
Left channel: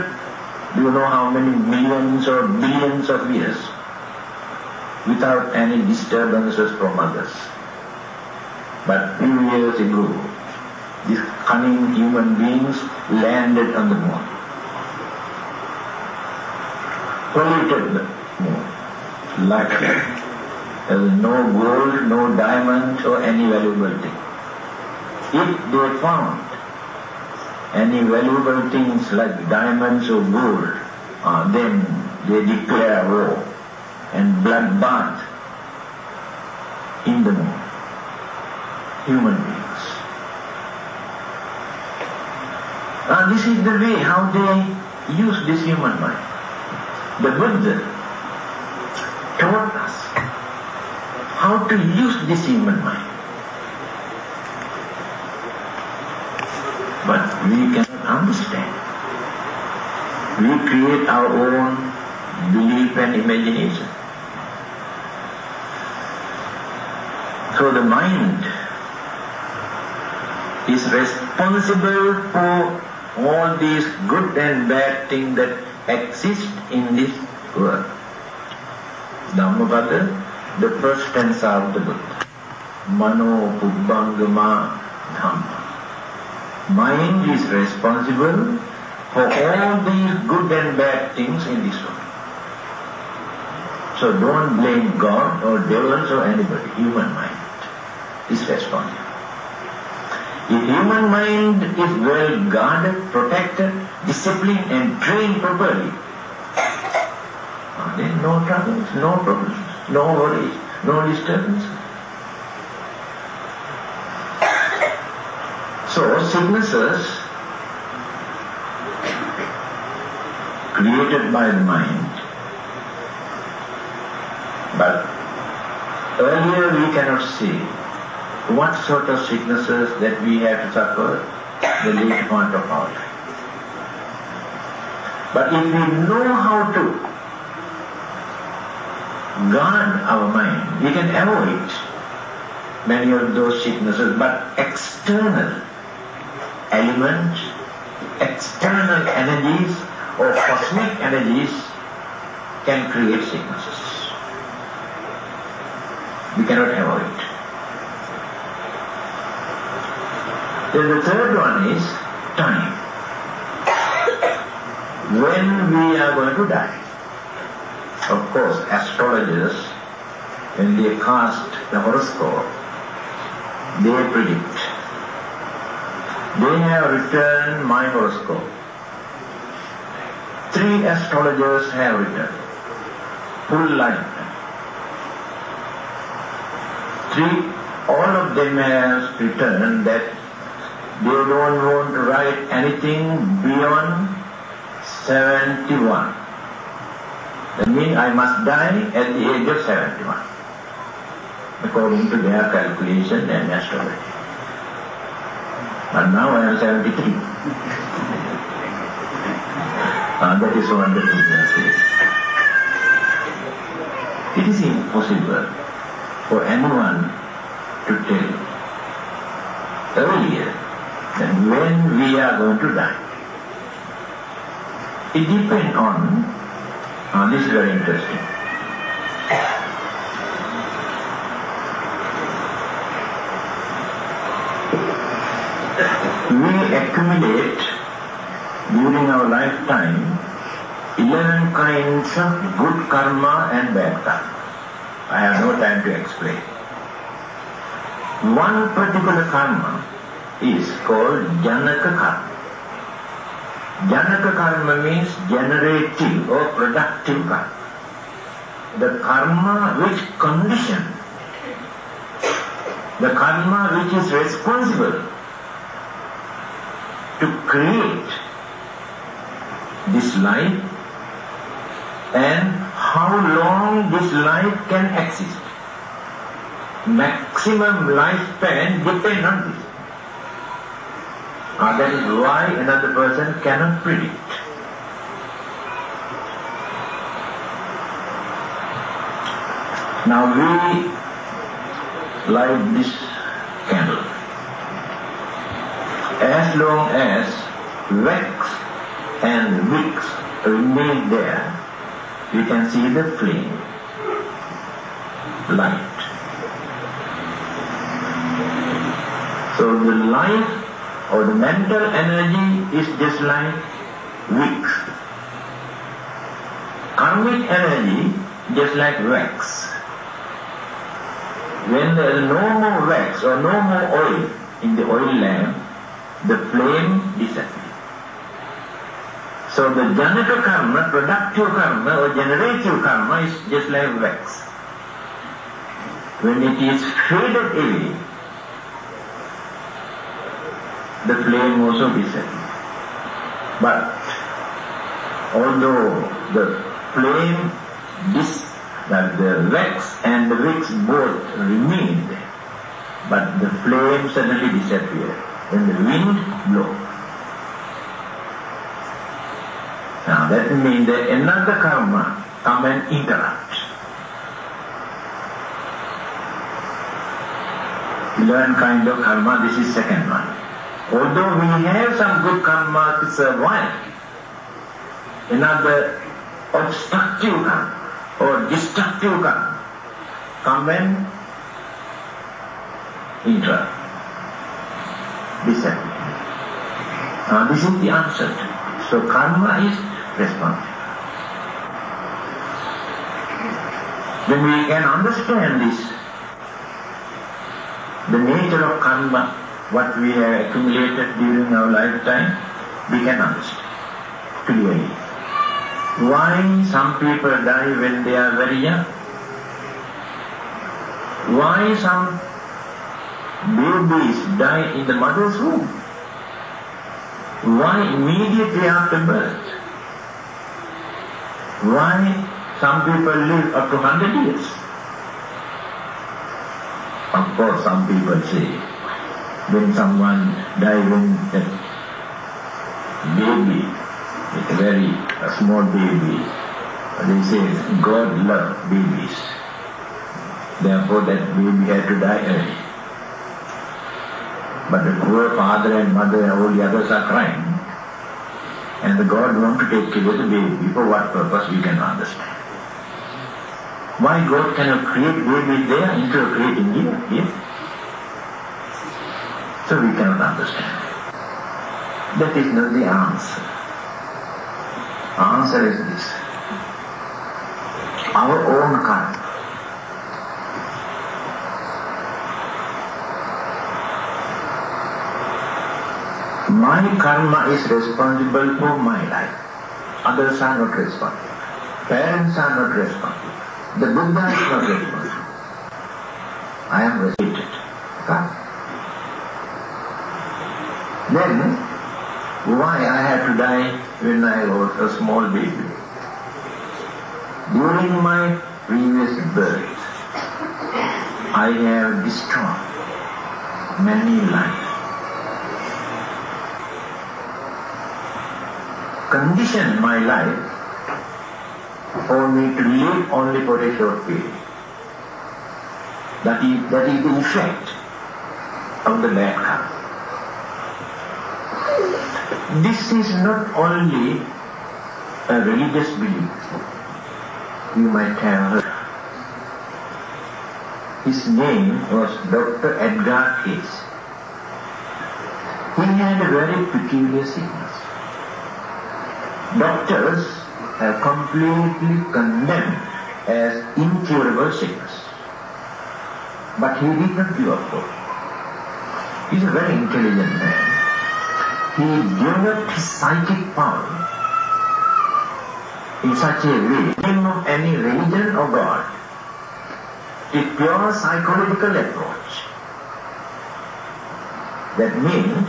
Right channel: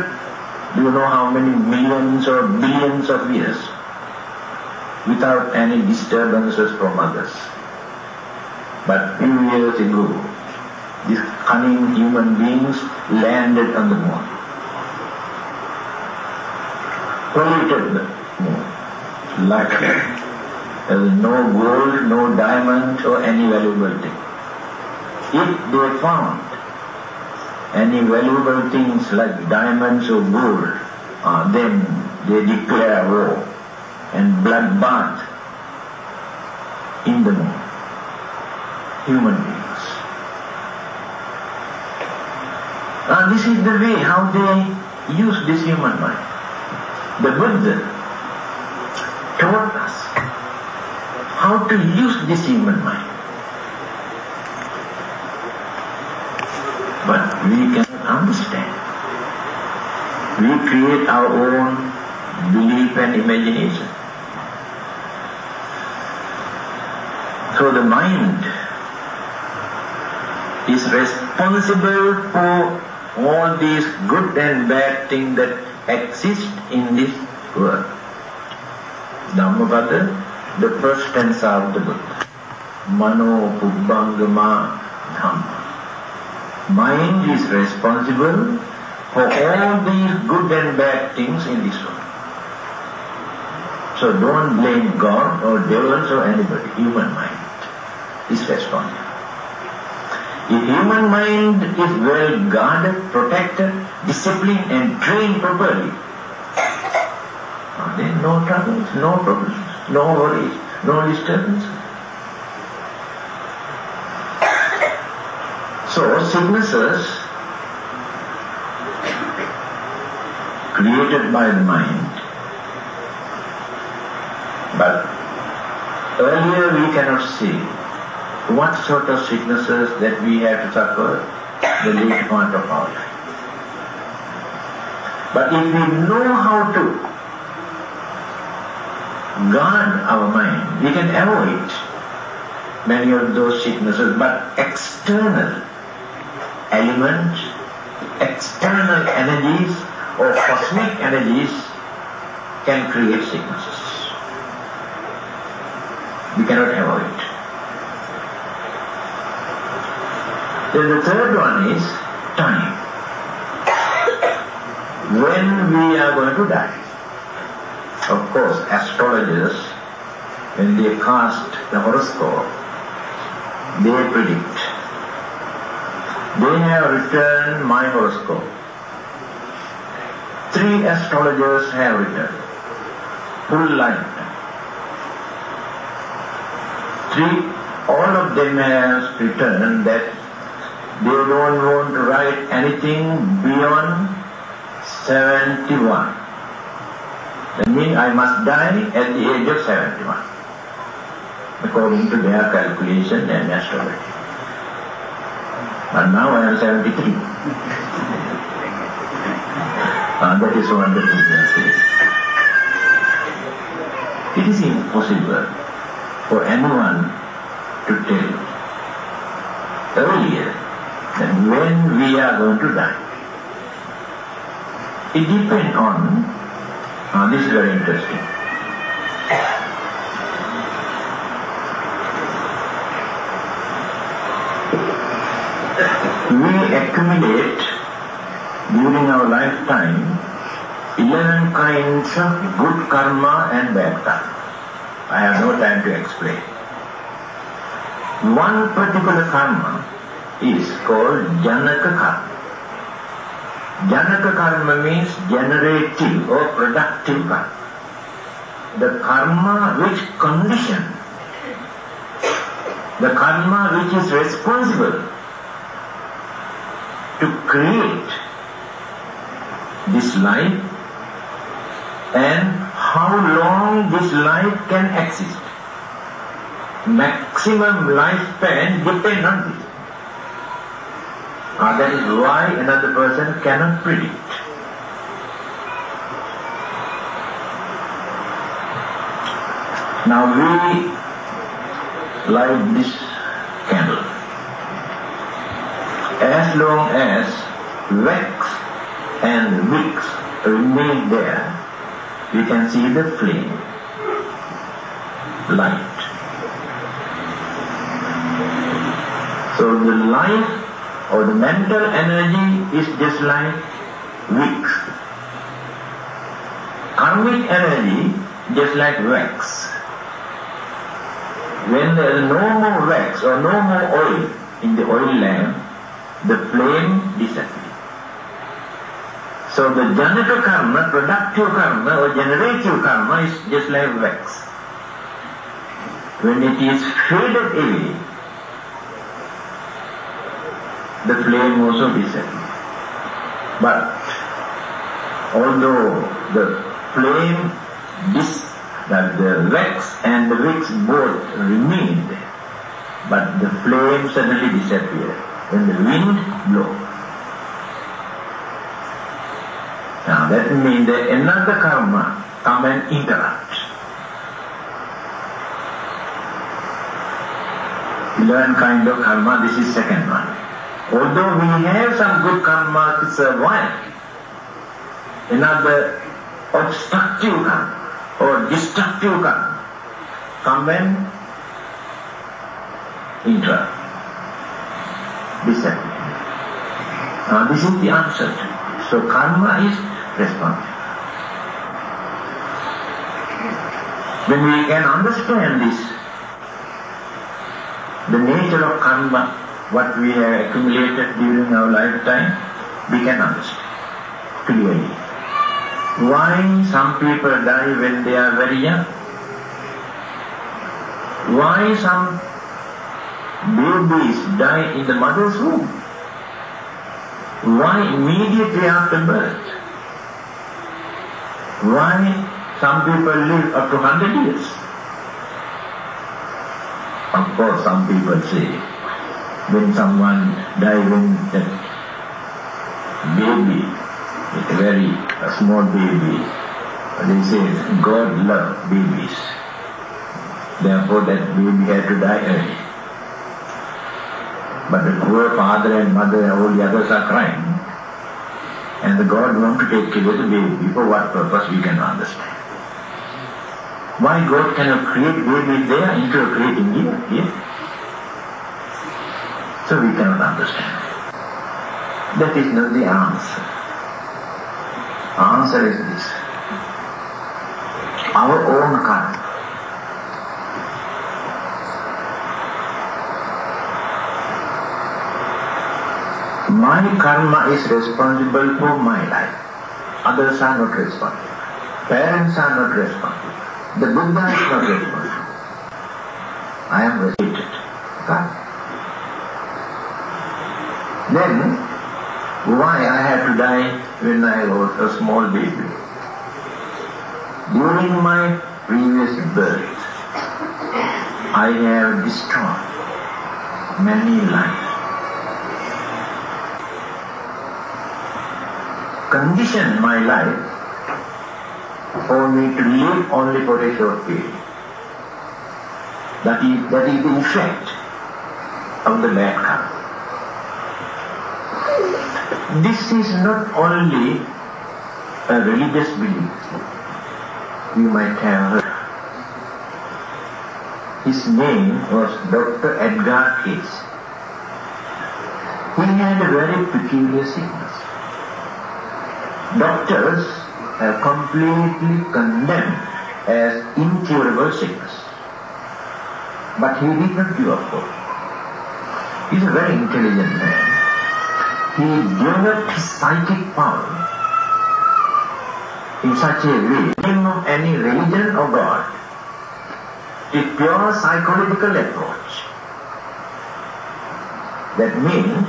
do you know how many millions or billions of years, without any disturbances from others. But few years ago, these cunning human beings landed on the moon, polluted the moon, like there was no gold, no diamond or any valuable thing. If they found any valuable things like diamonds or gold, then they declare war and bloodbath in the moon. Human beings. And this is the way how they use this human mind. The Buddha taught us how to use this human mind. But we cannot understand. We create our own belief and imagination. So the mind is responsible for all these good and bad things that exist in this world. Dhammananda, the first stanza of the book. Mano Pubbangama Dhamma. Mind is responsible for all these good and bad things in this world. So don't blame God or devils or anybody. Human mind is responsible. If human mind is well guarded, protected, disciplined and trained properly, then no troubles, no problems, no worries, no disturbances. So sicknesses created by the mind, but earlier we cannot see what sort of sicknesses that we have to suffer the later part of our life. But if we know how to guard our mind, we can avoid many of those sicknesses. But external elements, external energies or cosmic energies can create sicknesses. We cannot avoid it. Then the third one is time. When we are going to die. Of course, astrologers, when they cast the horoscope, they predict. They have written my horoscope. 3 astrologers have written full lifetime. 3, all of them have written that they don't want to write anything beyond 71. That means I must die at the age of 71, according to their calculation and astrology. But now I am 73. That is one of the things they say. It is impossible for anyone to tell earlier than when we are going to die. It depends on, this is very interesting. We accumulate during our lifetime 11 kinds of good karma and bad karma. I have no time to explain. One particular karma is called Janaka karma. Janaka karma means generative or productive karma. The karma which conditions, the karma which is responsible to create this life and how long this life can exist. Maximum lifespan depends on this. That is why another person cannot predict. Now we light this candle. As long as wax and wicks remain there, you can see the flame, light. So the life or the mental energy is just like wicks. Karmic energy just like wax. When there is no more wax or no more oil in the oil lamp, the flame disappears. So the Janaka karma, productive karma or generative karma is just like wax. When it is faded away, the flame also disappears. But although the flame, that the wax and the wicks both remained, but the flame suddenly disappeared when the wind blows. Now that means that another karma come and interrupt. 11 kind of karma, this is second one. Although we have some good karma to survive, another obstructive karma or destructive karma come and interrupt. Disappear. Now this is the answer to it. So karma is responsible. When we can understand this, the nature of karma, what we have accumulated during our lifetime, we can understand clearly. Why some people die when they are very young? Why some babies die in the mother's womb? Why immediately after birth? Why some people live up to 100 years? Of course, some people say, when someone dies when the baby, it's a very small baby, they say God loves babies. Therefore that baby had to die early. But the poor father and mother and all the others are crying. And the God wants to take care of the baby. For what purpose we can understand. Why God cannot create babies there instead of creating here? Yes? So we cannot understand. That is not the answer. Answer is this. Our own karma. My karma is responsible for my life. Others are not responsible. Parents are not responsible. The Buddha is not responsible. I am responsible. Right? Then, why I had to die when I was a small baby? During my previous birth, I have destroyed many lives. Condition my life for me to live only for a short period. That is the effect of the bad karma. This is not only a religious belief. You might have heard. His name was Dr. Edgar Cayce. He had a very peculiar sickness. Doctors have completely condemned as incurable sickness. But he did not give up hope. He is a very intelligent man. He developed psychic power in such a way, not any religion or God. It's pure psychological approach. That means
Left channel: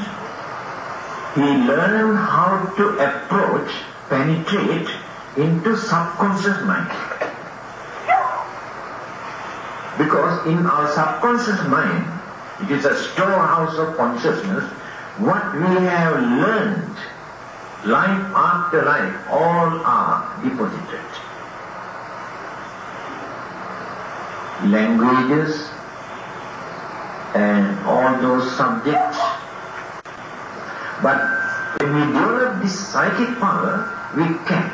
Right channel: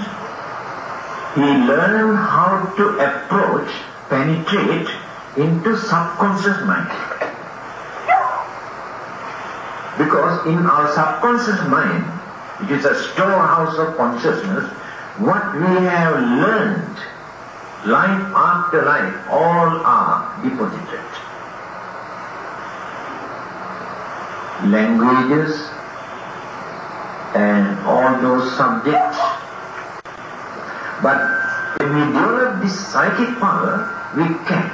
he learned how to penetrate into subconscious mind. Because in our subconscious mind, it is a storehouse of consciousness, what we have learned, life after life, all are deposited. Languages and all those subjects. But when we develop this psychic power, we can.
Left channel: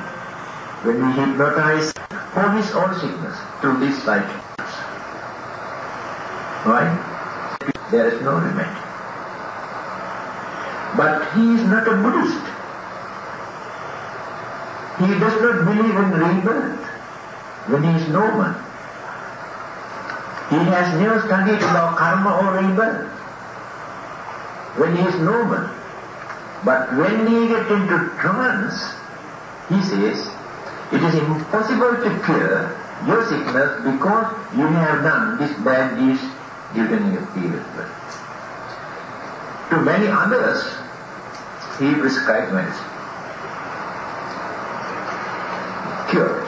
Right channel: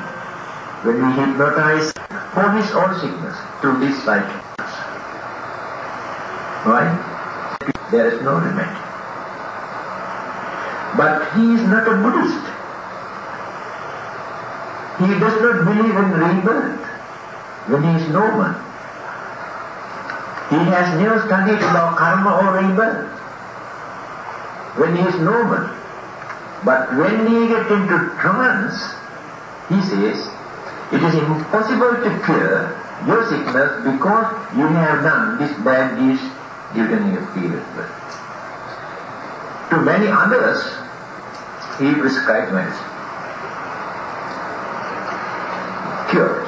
When we hypnotize for his own sickness to this psychic. Right? There is no remedy. But he is not a Buddhist. He does not believe in rebirth when he is no one. He has never studied about karma or rebirth when he is normal. But when he gets into trance, he says, it is impossible to cure your sickness because you have done this bad deed during your period. To many others, he prescribed medicine. Cured.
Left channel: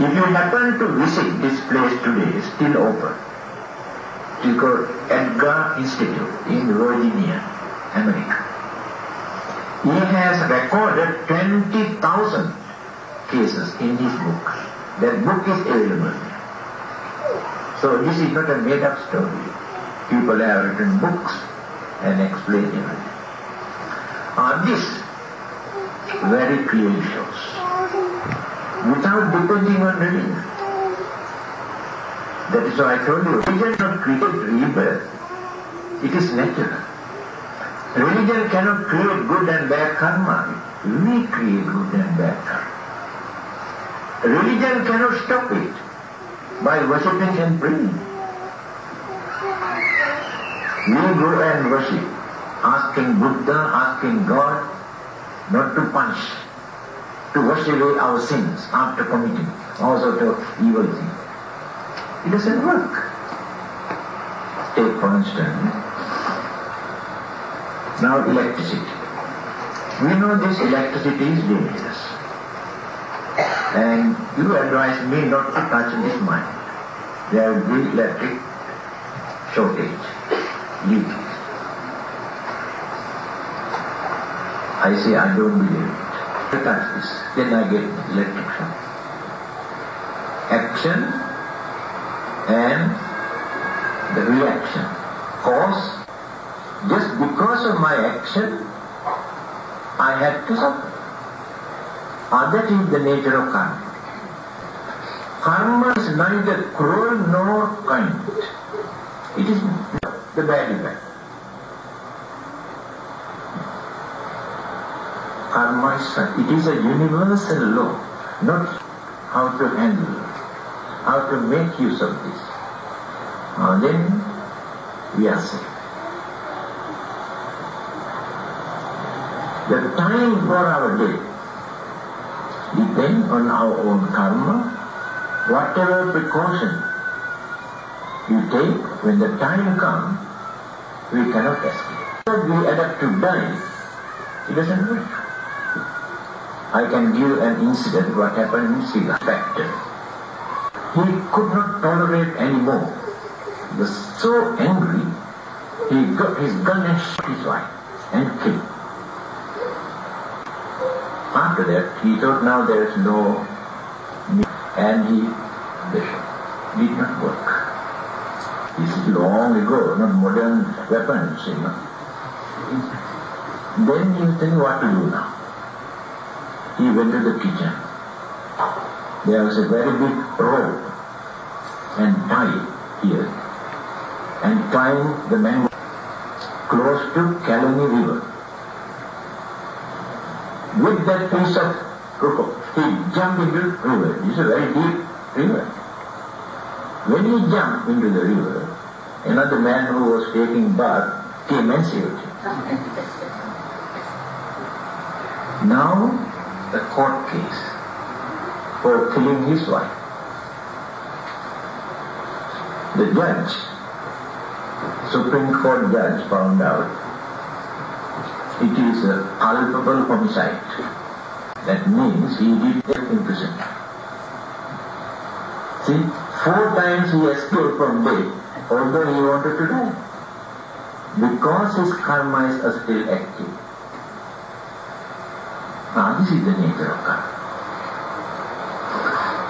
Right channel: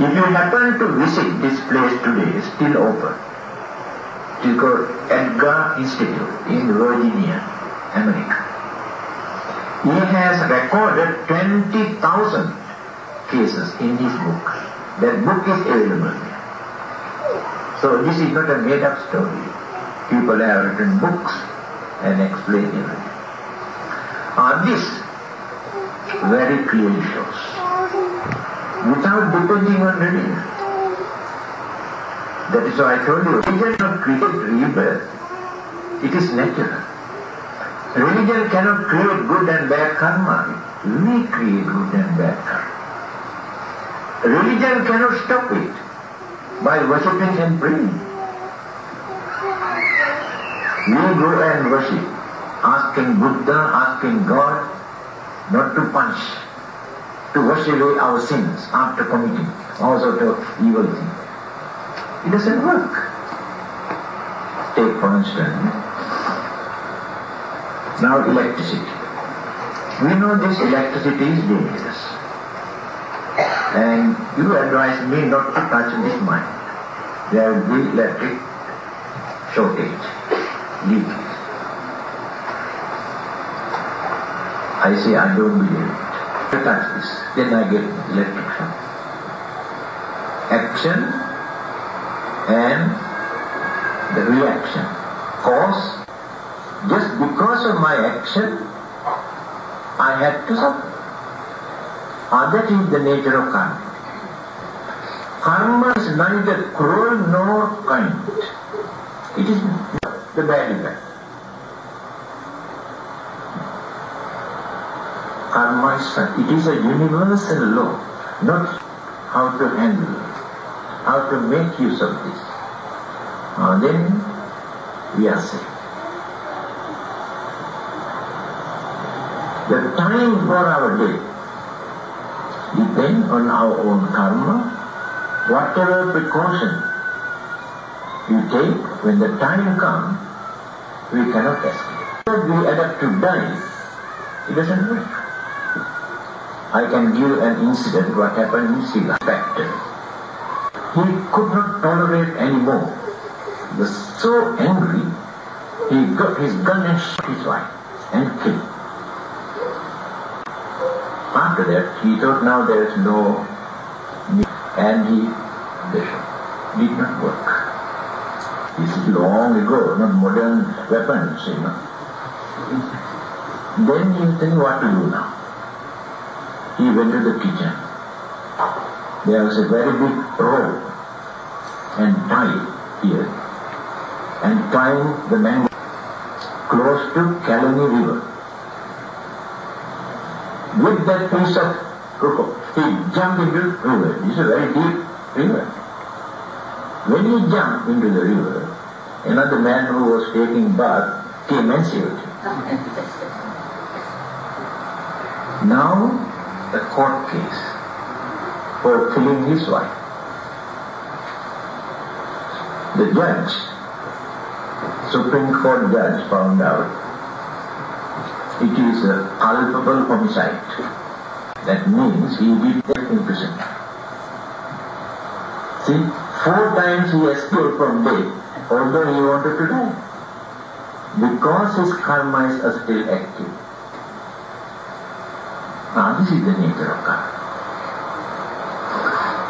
If you happen to visit this place today, it's still open. It's called Edgar Institute in Virginia, America. He has recorded 20,000 cases in his book. That book is available. So this is not a made-up story. People have written books and explained it. This very clearly shows. Without depending on religion. That is why I told you, religion cannot create rebirth. It is natural. Religion cannot create good and bad karma. We create good and bad karma. Religion cannot stop it by worshipping and praying. We go and worship, asking Buddha, asking God not to punish, to wash away our sins after committing all sorts of evil things. It doesn't work. Take for instance, now electricity. We know this electricity is dangerous. And you advise me not to touch this mine. There will be electric shortage, leak. I say I don't believe it. I touch this, then I get electric shock. Action and the reaction. Cause, just because of my action, I had to suffer. That is the nature of karma. Karma is neither cruel nor kind. It is the bad effect. Karma is a universal law, not how to handle it, how to make use of this. Then we are safe. The time for our day depends on our own karma. Whatever precaution we take, when the time comes, we cannot escape. If we adapt to die, it doesn't work. I can give an incident what happened in Sri Lanka. He could not tolerate anymore. He was so angry, he got his gun and shot his wife and killed. After that, he thought now there is no need, and the shot did not work. This is long ago, not modern weapons, you know. Then he tell me what to do now. He went to the kitchen. There was a very big rope and tie here, and tying the man close to Kalani River. With that piece of rope, he jumped into the river. This is a very deep river. When he jumped into the river, another man who was taking bath came and saved him. Now, a court case for killing his wife. The judge, Supreme Court judge, found out it is a culpable homicide. That means he did take imprisonment. See, 4 times he escaped from death, although he wanted to die, because his karmas are still active. Now this is the nature of karma.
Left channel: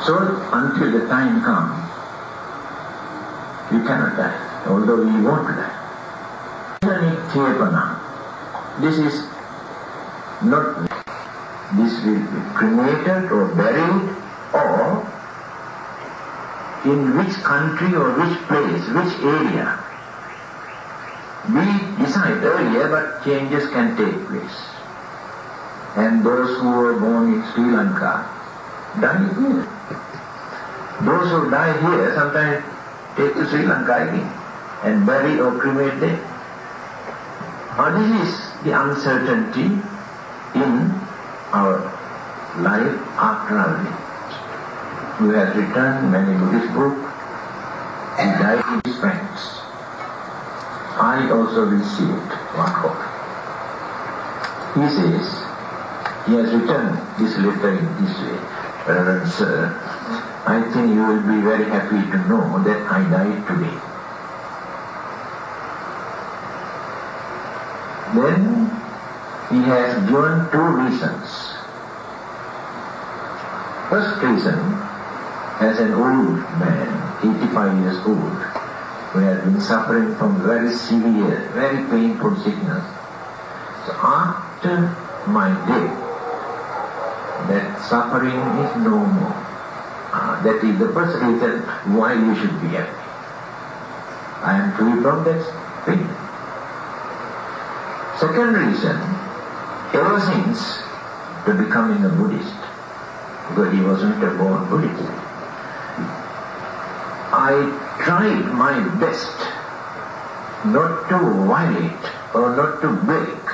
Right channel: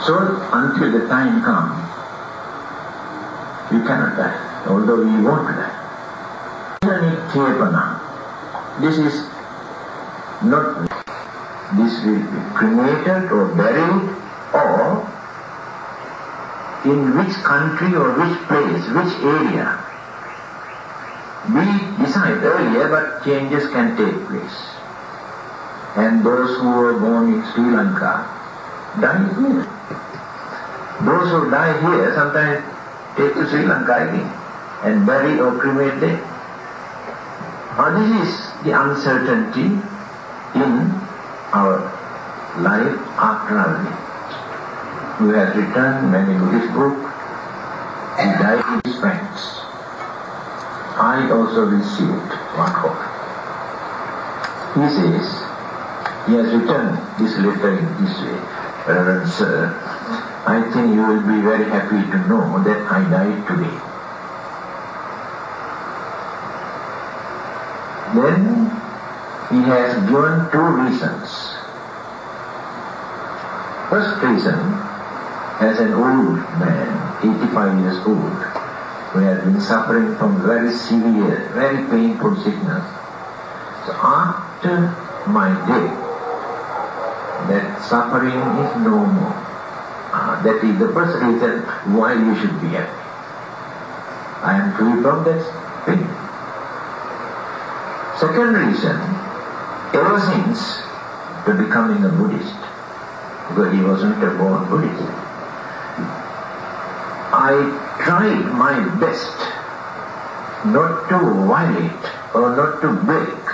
So until the time comes, we cannot die, although we want to die. This is not, this will be cremated or buried, or in which country or which place, which area. We decide earlier, but changes can take place. And those who were born in Sri Lanka die here. Those who die here sometimes take to Sri Lanka again and bury or cremate there. Now this is the uncertainty in our life after our death. We have written many Buddhist books. He died with his friends. I also received one copy. He says, he has written this letter in this way. Reverend Sir, I think you will be very happy to know that I died today. Then he has given 2 reasons. First reason, as an old man, 85 years old, who has been suffering from very severe, very painful sickness, so after my death, that suffering is no more. That is the first reason why you should be happy. I am free from that pain. Second reason, ever since to becoming a Buddhist, because he wasn't a born Buddhist, I tried my best not to violate or not to break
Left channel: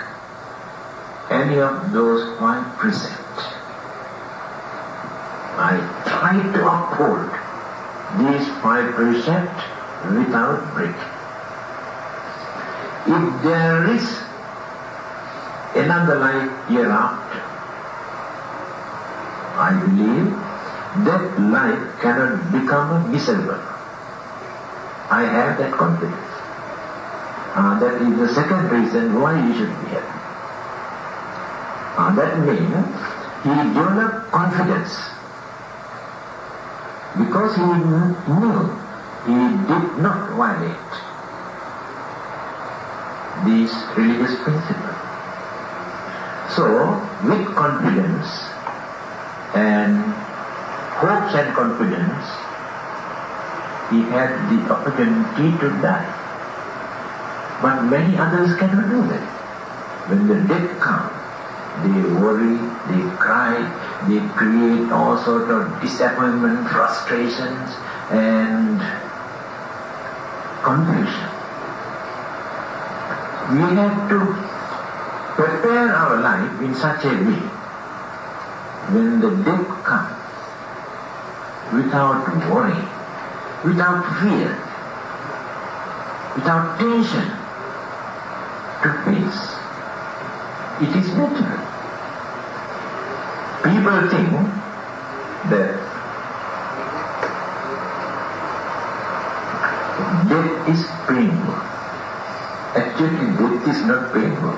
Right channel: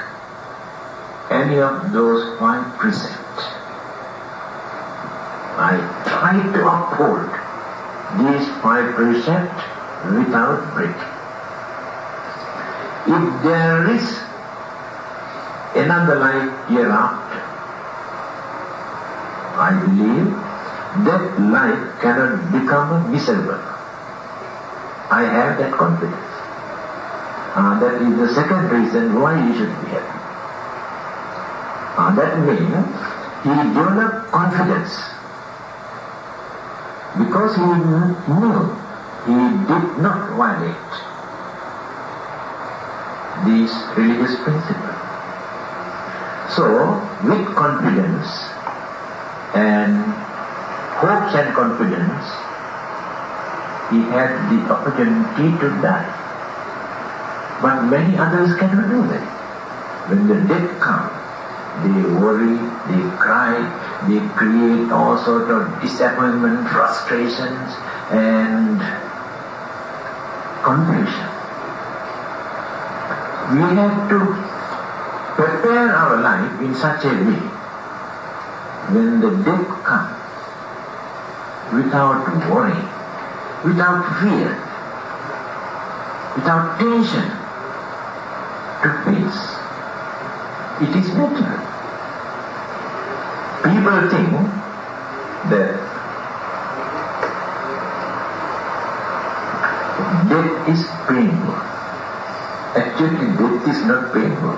any of those 5 precepts. I tried to uphold these 5 precepts without breaking. If there is another life hereafter, I believe that life cannot become miserable. I have that confidence. That is the second reason why you should be happy. That means he developed confidence because he knew he did not violate these religious principles. So, with confidence and hopes and confidence, he had the opportunity to die. But many others cannot do that. When the death comes, they worry, they cry, they create all sorts of disappointment, frustrations, and confusion. We have to prepare our life in such a way, when the death comes, without worry, without fear, without tension, to face. It is natural. People think that death is painful. Actually, death is not painful.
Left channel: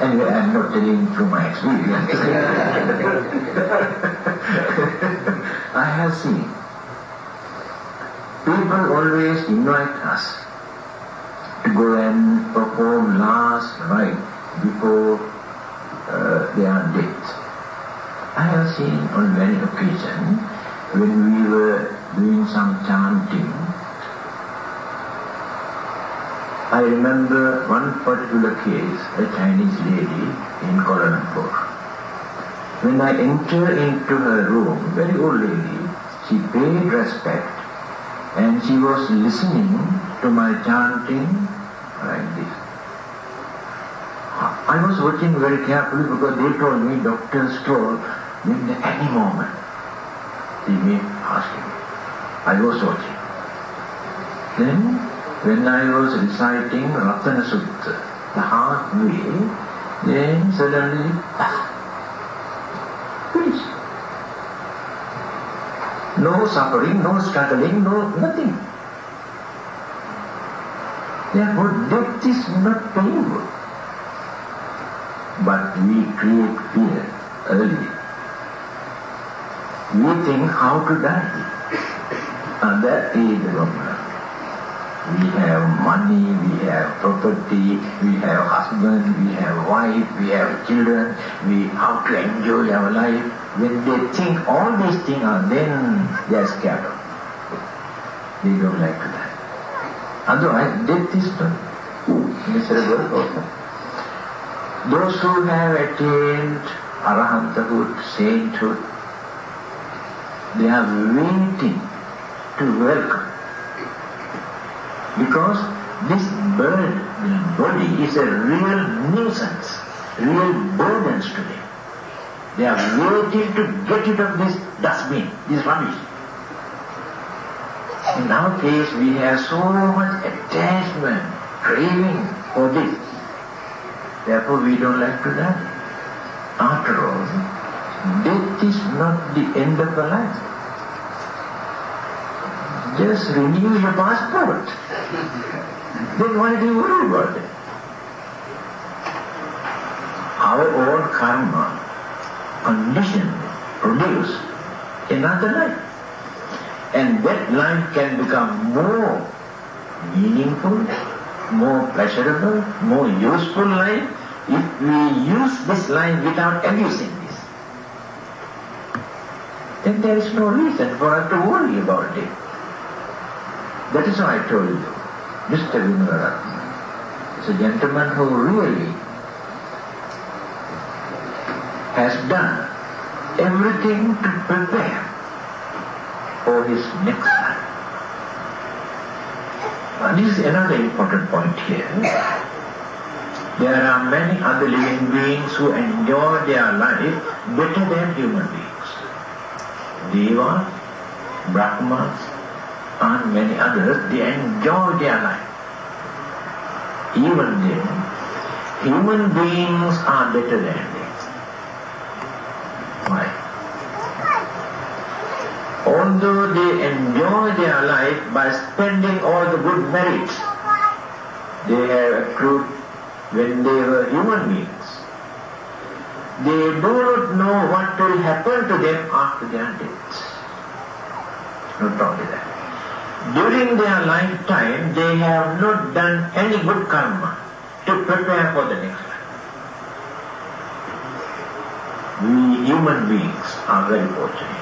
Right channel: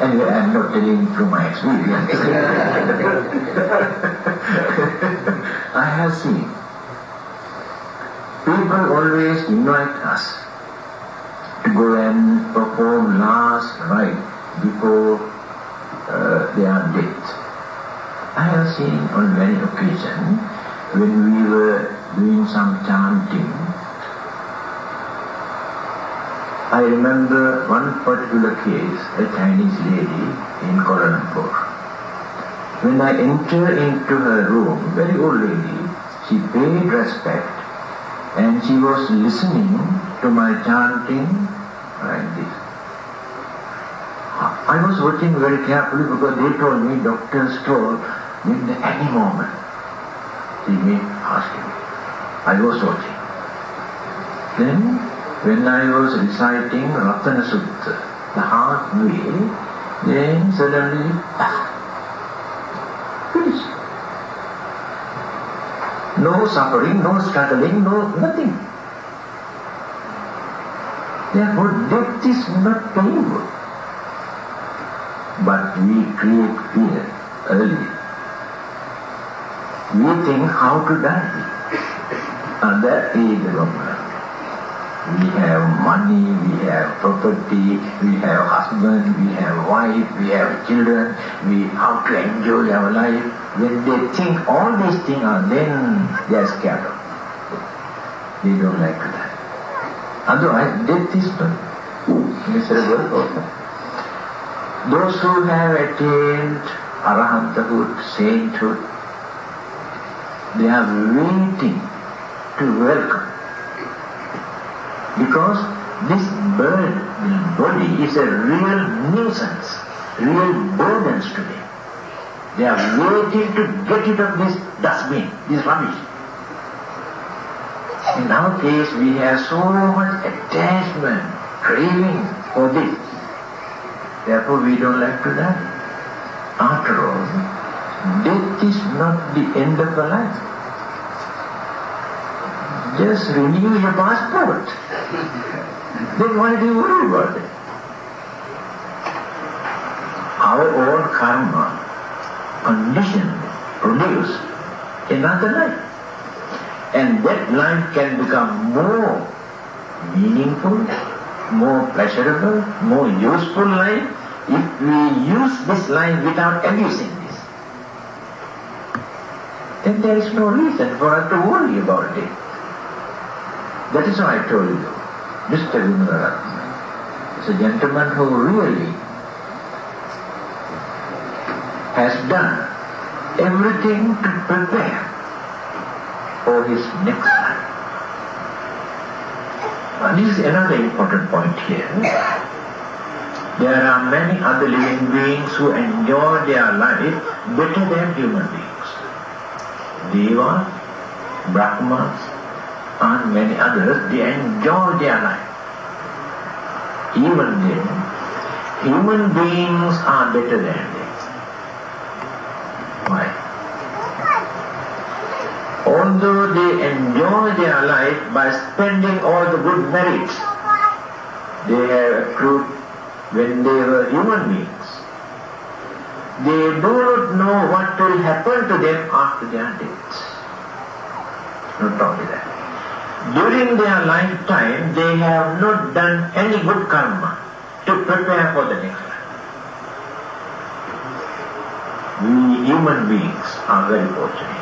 Anyway, I am not telling through my experience. I have seen People always invite us to go and perform last rite before their death. I have seen on many occasions when we were doing some chanting. I remember one particular case, a Chinese lady in Kuala Lumpur. When I entered into her room, very old lady, she paid respect and she was listening to my chanting like this. I was watching very carefully because they told me, doctors told me at any moment she may pass away. I was watching. Then, when I was reciting Ratana Sutta, the halfway, then suddenly, finished. No suffering, no struggling, no nothing. Therefore, death is not painful. But we create fear early. We think how to die. And that is the wrong life. We have money, we have property, we have husband, we have wife, we have children, we have to enjoy our life. When they think all these things are, then they are scared of. They don't like that. Otherwise, death is not miserable. Those who have attained arahanthood, sainthood, they are waiting to welcome. Because this body is a real nuisance, real burdens to them. They are waiting to get rid of this dustbin, this rubbish. In our case, we have so much attachment, craving for this. Therefore, we don't like to die. After all, death is not the end of the life. Just renew your passport. Then why do you worry about it? Our own karma condition produce another life. And that life can become more meaningful, more pleasurable, more useful life if we use this life without abusing this. Then there is no reason for us to worry about it. That is why I told you, Mr. Dhammananda is a gentleman who really has done everything to prepare for his next life. This is another important point here. There are many other living beings who enjoy their life better than human beings. Devas, Brahmas, and many others, they enjoy their life. Even then, human beings are better than them. Why? Although they enjoy their life by spending all the good merits they have accrued when they were human beings, they do not know what will happen to them after their deaths. Not only that. During their lifetime, they have not done any good karma to prepare for the next life. We human beings are very fortunate.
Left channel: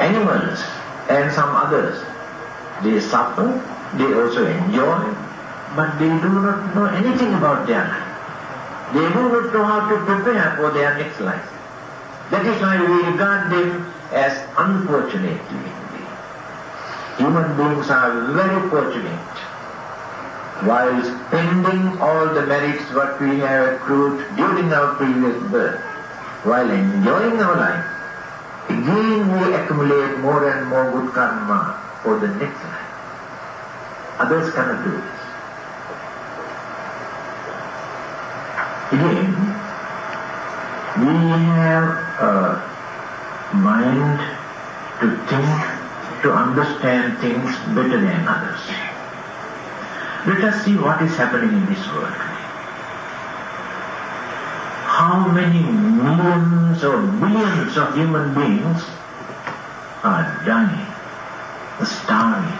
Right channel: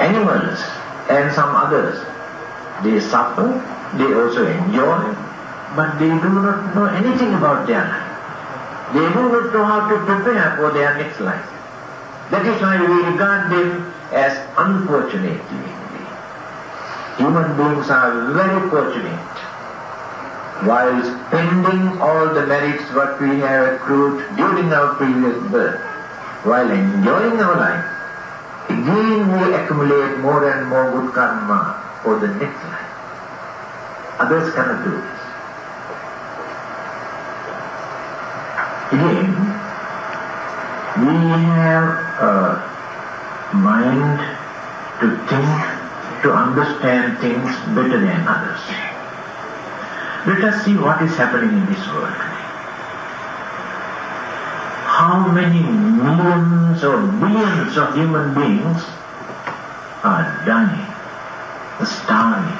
Animals and some others, they suffer, they also enjoy, but they do not know anything about their life. They do not know how to prepare for their next life. That is why we regard them as unfortunate beings. Human beings are very fortunate. While spending all the merits what we have accrued during our previous birth, while enjoying our life, again we accumulate more and more good karma for the next life. Others cannot do it. Again, we have a mind to think, to understand things better than others. Let us see what is happening in this world. How many millions or billions of human beings are dying, starving,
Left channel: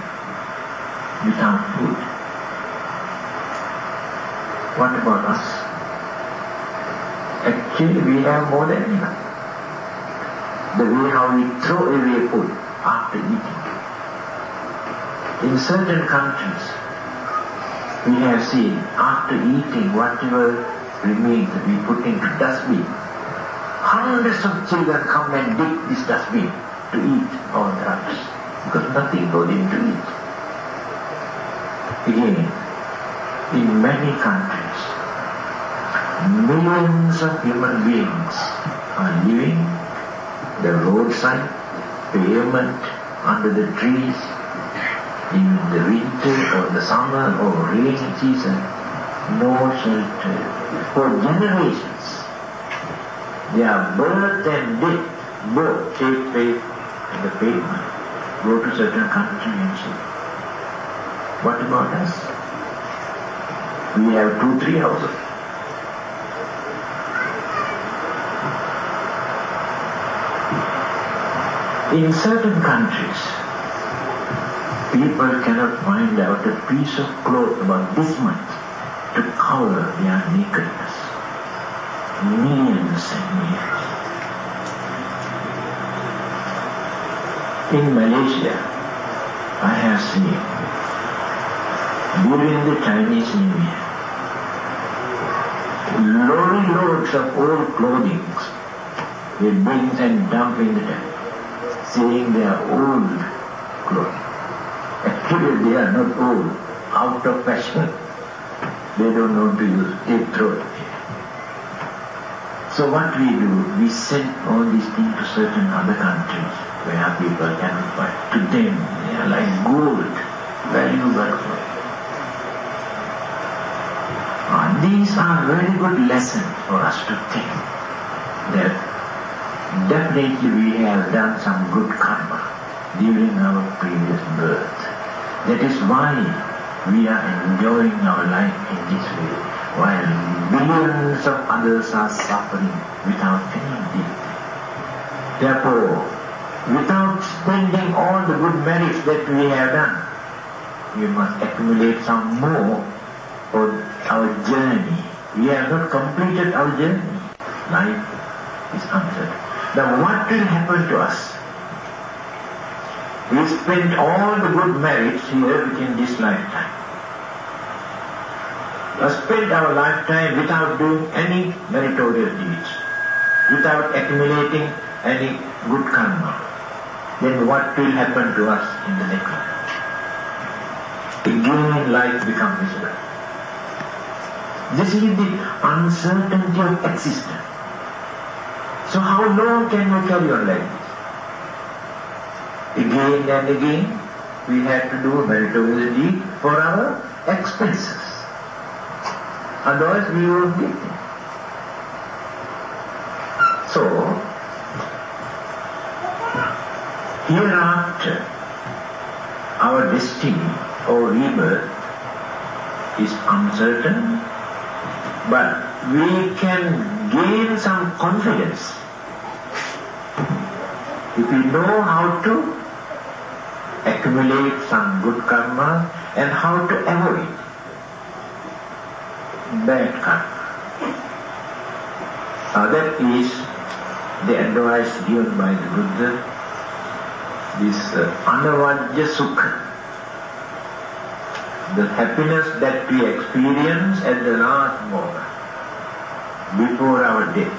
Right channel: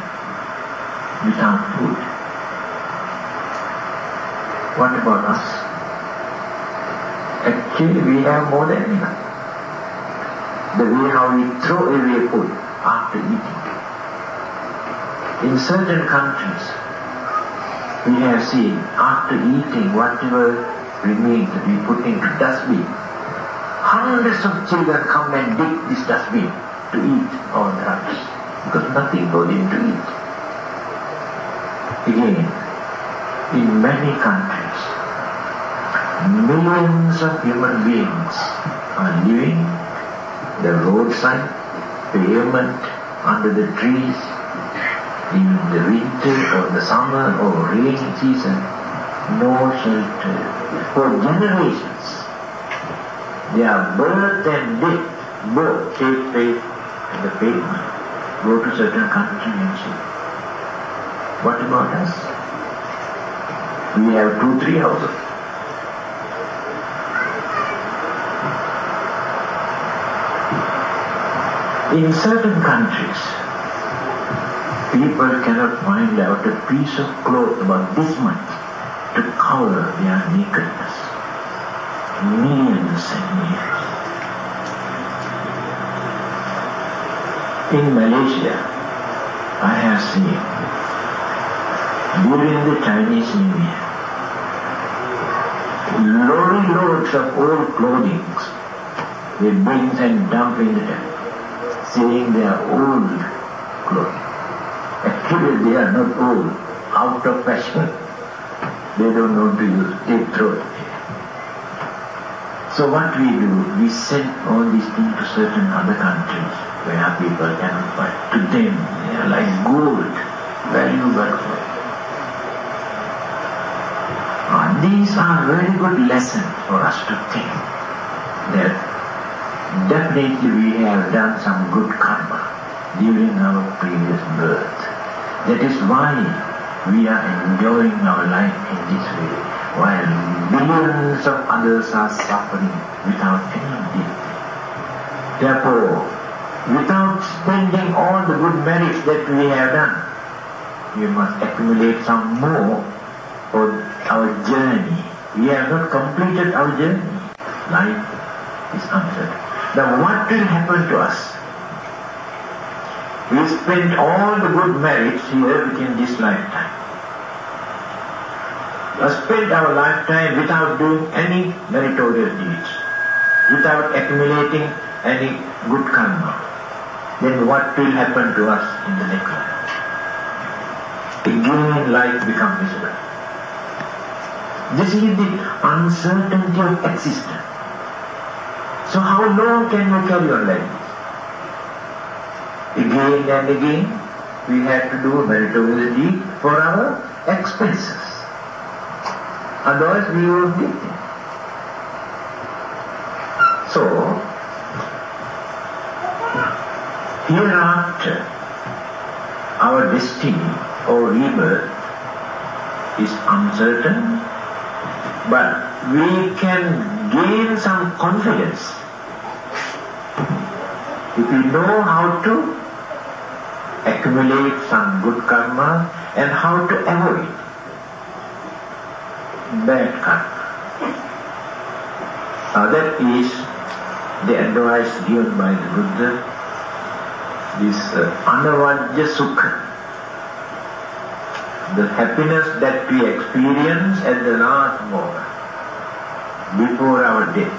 without food. What about us? Actually, we have more than enough. The way how we throw away food after eating. In certain countries, we have seen after eating whatever remains we put into dustbin. Hundreds of children come and dig this dustbin to eat all the rubbish because nothing goes in to eat. Again, in many countries, millions of human beings are living the roadside, pavement, under the trees, in the winter or the summer or rainy season, no shelter. For generations, they are birthed and dead, both face and the pavement. Go to certain countries and see. What about us? We have 2-3 houses. In certain countries, people cannot find out a piece of cloth about this much to cover their nakedness. Millions and millions. In Malaysia, I have seen during the Chinese New Year, loads of old clothing will bring and dump in the temple, saying they are old clothing. Actually, they are not old, out of fashion. They don't know to use, they throw it. So what we do, we send all these things to certain other countries where people cannot find. To them, they are like gold, valuable. These are very good lessons for us to think that definitely we have done some good karma during our previous birth. That is why we are enjoying our life in this way, while millions of others are suffering without any dignity. Therefore, without spending all the good merits that we have done, we must accumulate some more for our journey. We have not completed our journey. Life is uncertain. Now what will happen to us? We spend all the good merits here within this lifetime. We spend our lifetime without doing any meritorious deeds, without accumulating any good karma. Then what will happen to us in the next life? Again life becomes miserable. This is the uncertainty of existence. So how long can you carry on like this? Again and again, we have to do meritorious deed for our expenses. Otherwise we won't get it. So, hereafter, our destiny or rebirth is uncertain, but we can gain some confidence if we know how to accumulate some good karma and how to avoid bad karma. That is the advice given by the Buddha, this anavajya sukha, the happiness that we experience at the last moment, before our death.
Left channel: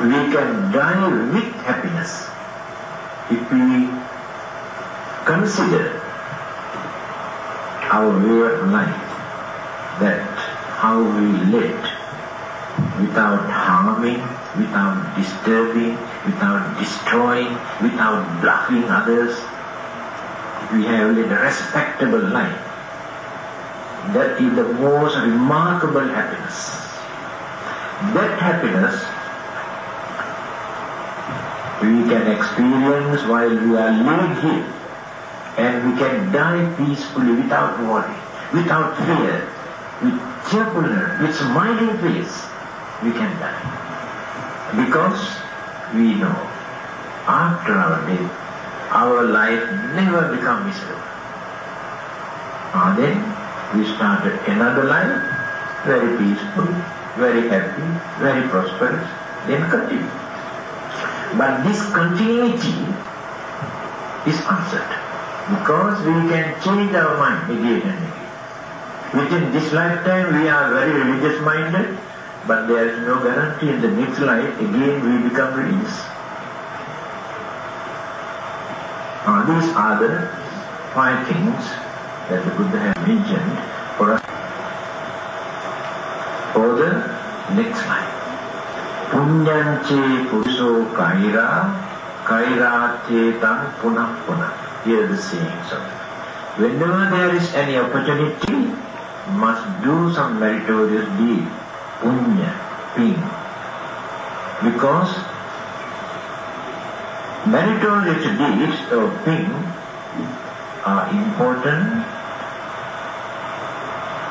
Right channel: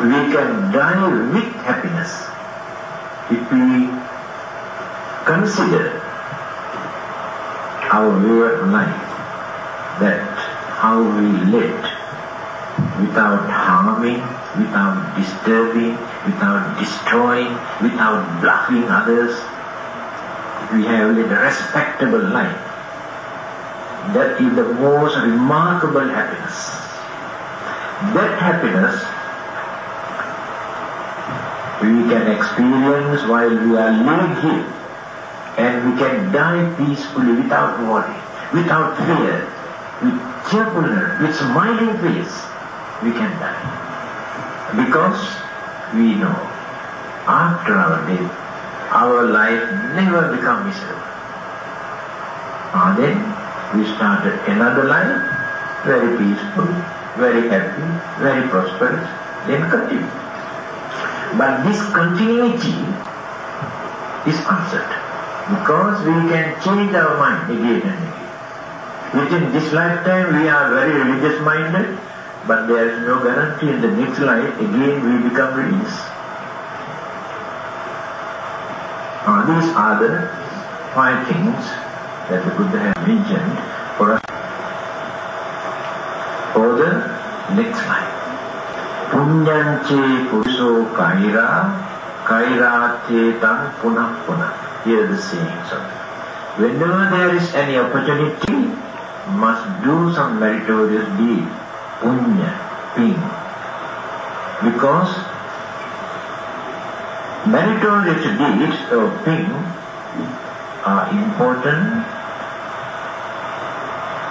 We can die with happiness if we consider our way of life, that how we live without harming, without disturbing, without destroying, without blocking others. We have lived a respectable life. That is the most remarkable happiness. That happiness we can experience while we are living here, and we can die peacefully without worry, without fear, with cheerfulness, with smiling face. We can die. Because we know after our death our life never becomes miserable. Then we started another life, very peaceful, very happy, very prosperous, then continue. But this continuity is uncertain, because we can change our mind again and again. Within this lifetime we are very religious minded, but there is no guarantee in the next life again we become religious. These are the 5 things that the Buddha has mentioned for us for the next life. Punyanche puruso kaira, kaira te tam punah punah. Here the same song. Whenever there is any opportunity, must do some meritorious deed, punya, thing. Because meritorious deeds or things are important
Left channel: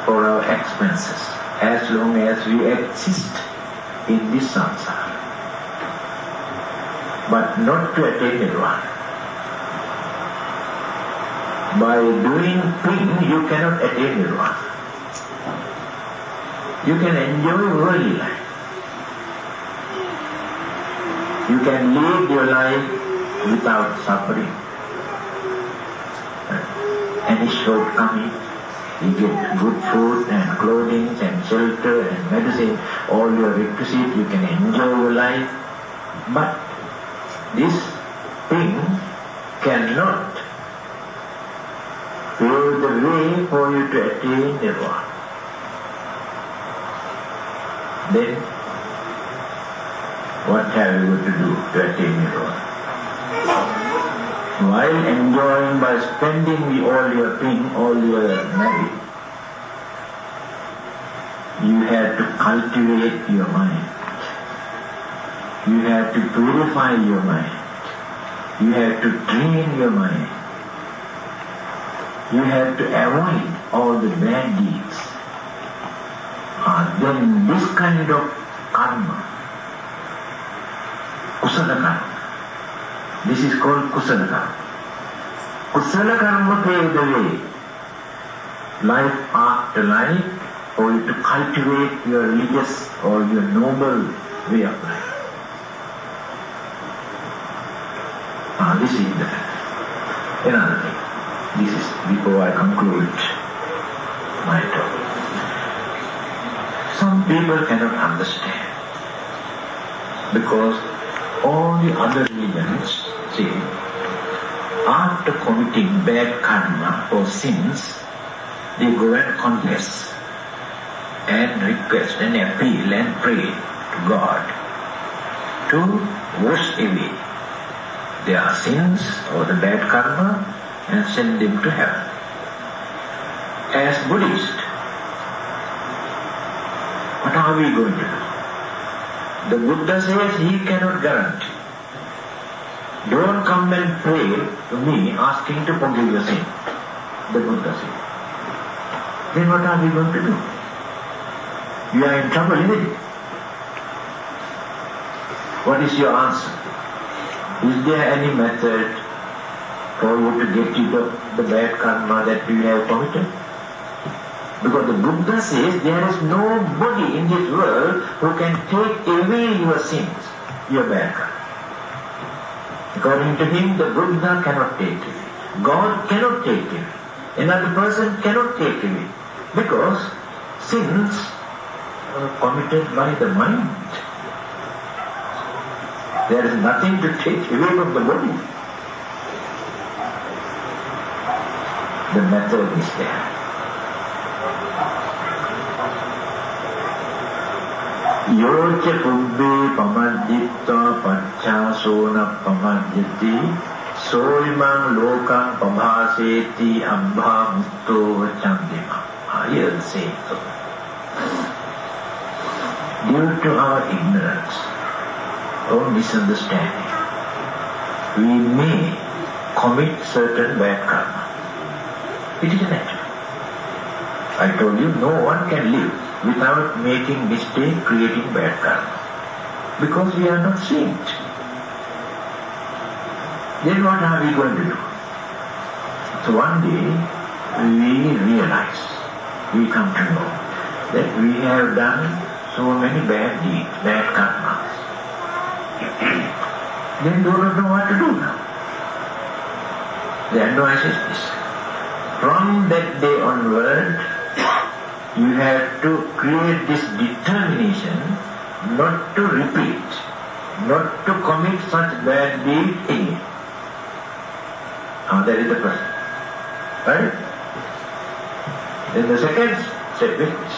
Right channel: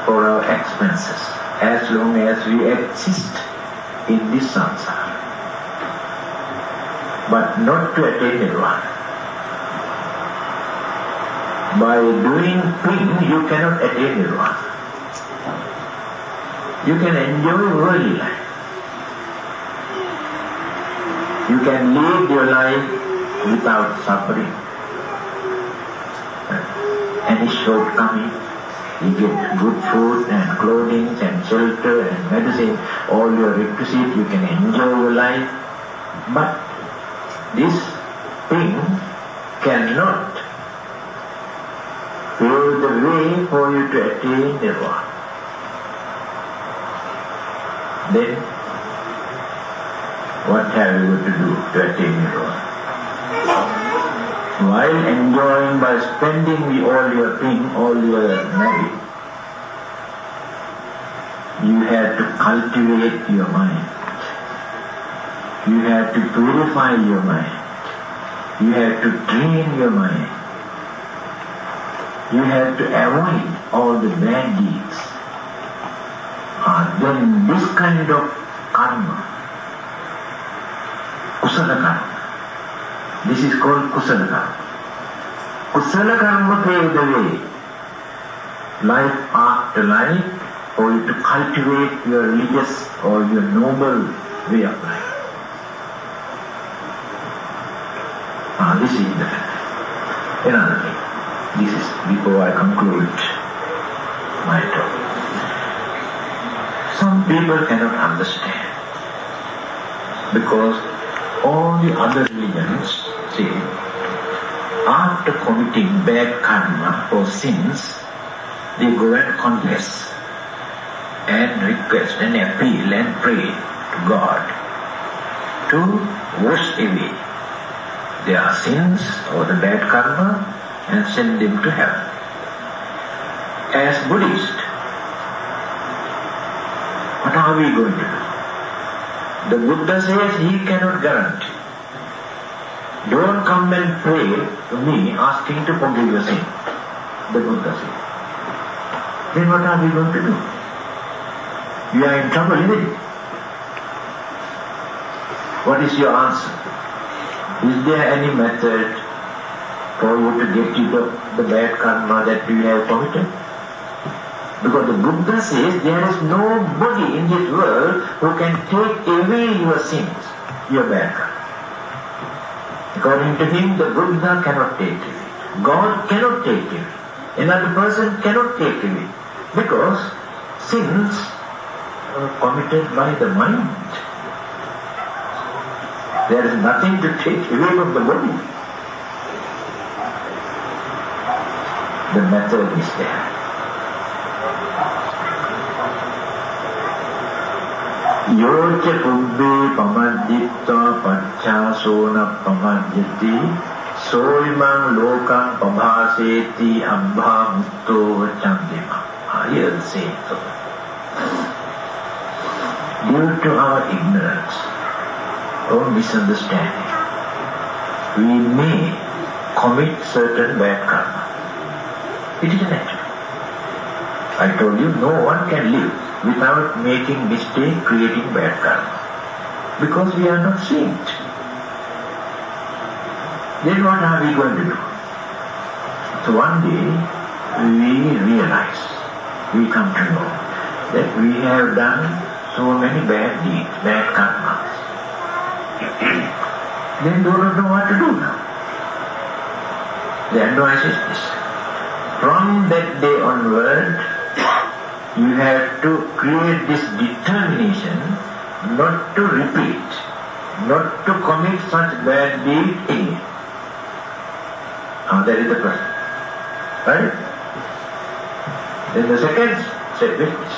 for our expenses as long as we exist in this samsara, but not to attain nirvana. By doing things you cannot attain nirvana. You can enjoy worldly life. You can live your life without suffering. Any shortcoming, you get good food and clothing and shelter and medicine, all your requisites, you can enjoy your life. But this thing cannot pave the way for you to attain nirvana. Then, what have you to do to attain nirvana? While enjoying by spending all your things, all your money, you have to cultivate your mind. You have to purify your mind. You have to train your mind. You have to avoid all the bad deeds. Then this kind of karma, kusala karma, this is called kusala karma. Kusala karma paves the way, life after life, for you to cultivate your religious or your noble way of life. This is another thing. This is before I conclude my talk. Some people cannot understand, because all the other religions say, after committing bad karma or sins, they go and confess and request and appeal and pray to God to wash away their sins or the bad karma and send them to heaven. As Buddhists, what are we going to do? The Buddha says he cannot guarantee. Don't come and pray to me asking to forgive your sin. The Buddha says. Then what are we going to do? We are in trouble, isn't it? What is your answer? Is there any method for you to get rid of the bad karma that you have committed? Because the Buddha says there is nobody in this world who can take away your sins, your bad karma. According to him, the Buddha cannot take it. God cannot take it. Another person cannot take it. Because sins are committed by the mind. There is nothing to take away from the body. The method is there. Yoke pubbhe pamadditta pachchasona pamadditi soimang lokang pabhaseti abhamitto chandima. Here the same thing. Due to our ignorance or misunderstanding, we may commit certain bad karma. It is natural. I told you, no one can live without making mistake, creating bad karma. Because we are not saints. then what are we going to do? So one day we realize, we come to know that we have done so many bad deeds, bad karmas. Then do not know what to do now. The advice is this. From that day onward, you have to create this determination not to repeat, not to commit such bad deeds again. That is the first. Right? Then the second step is this.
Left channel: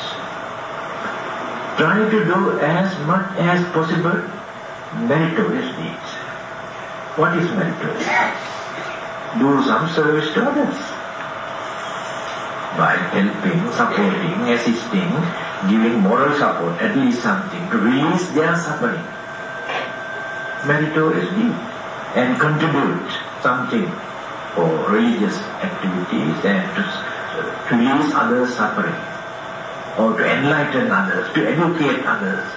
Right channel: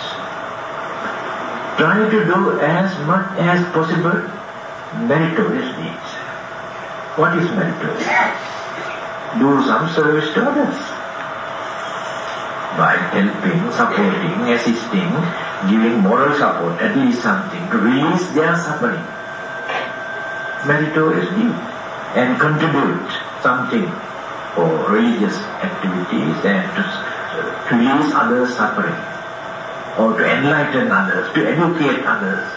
Try to do as much as possible meritorious deeds. What is meritorious? Do some service to others. By helping, supporting, assisting, giving moral support, that is something to release their suffering. Meritorious deed. And contribute something for religious activities and to release others' suffering, or to enlighten others, to educate others,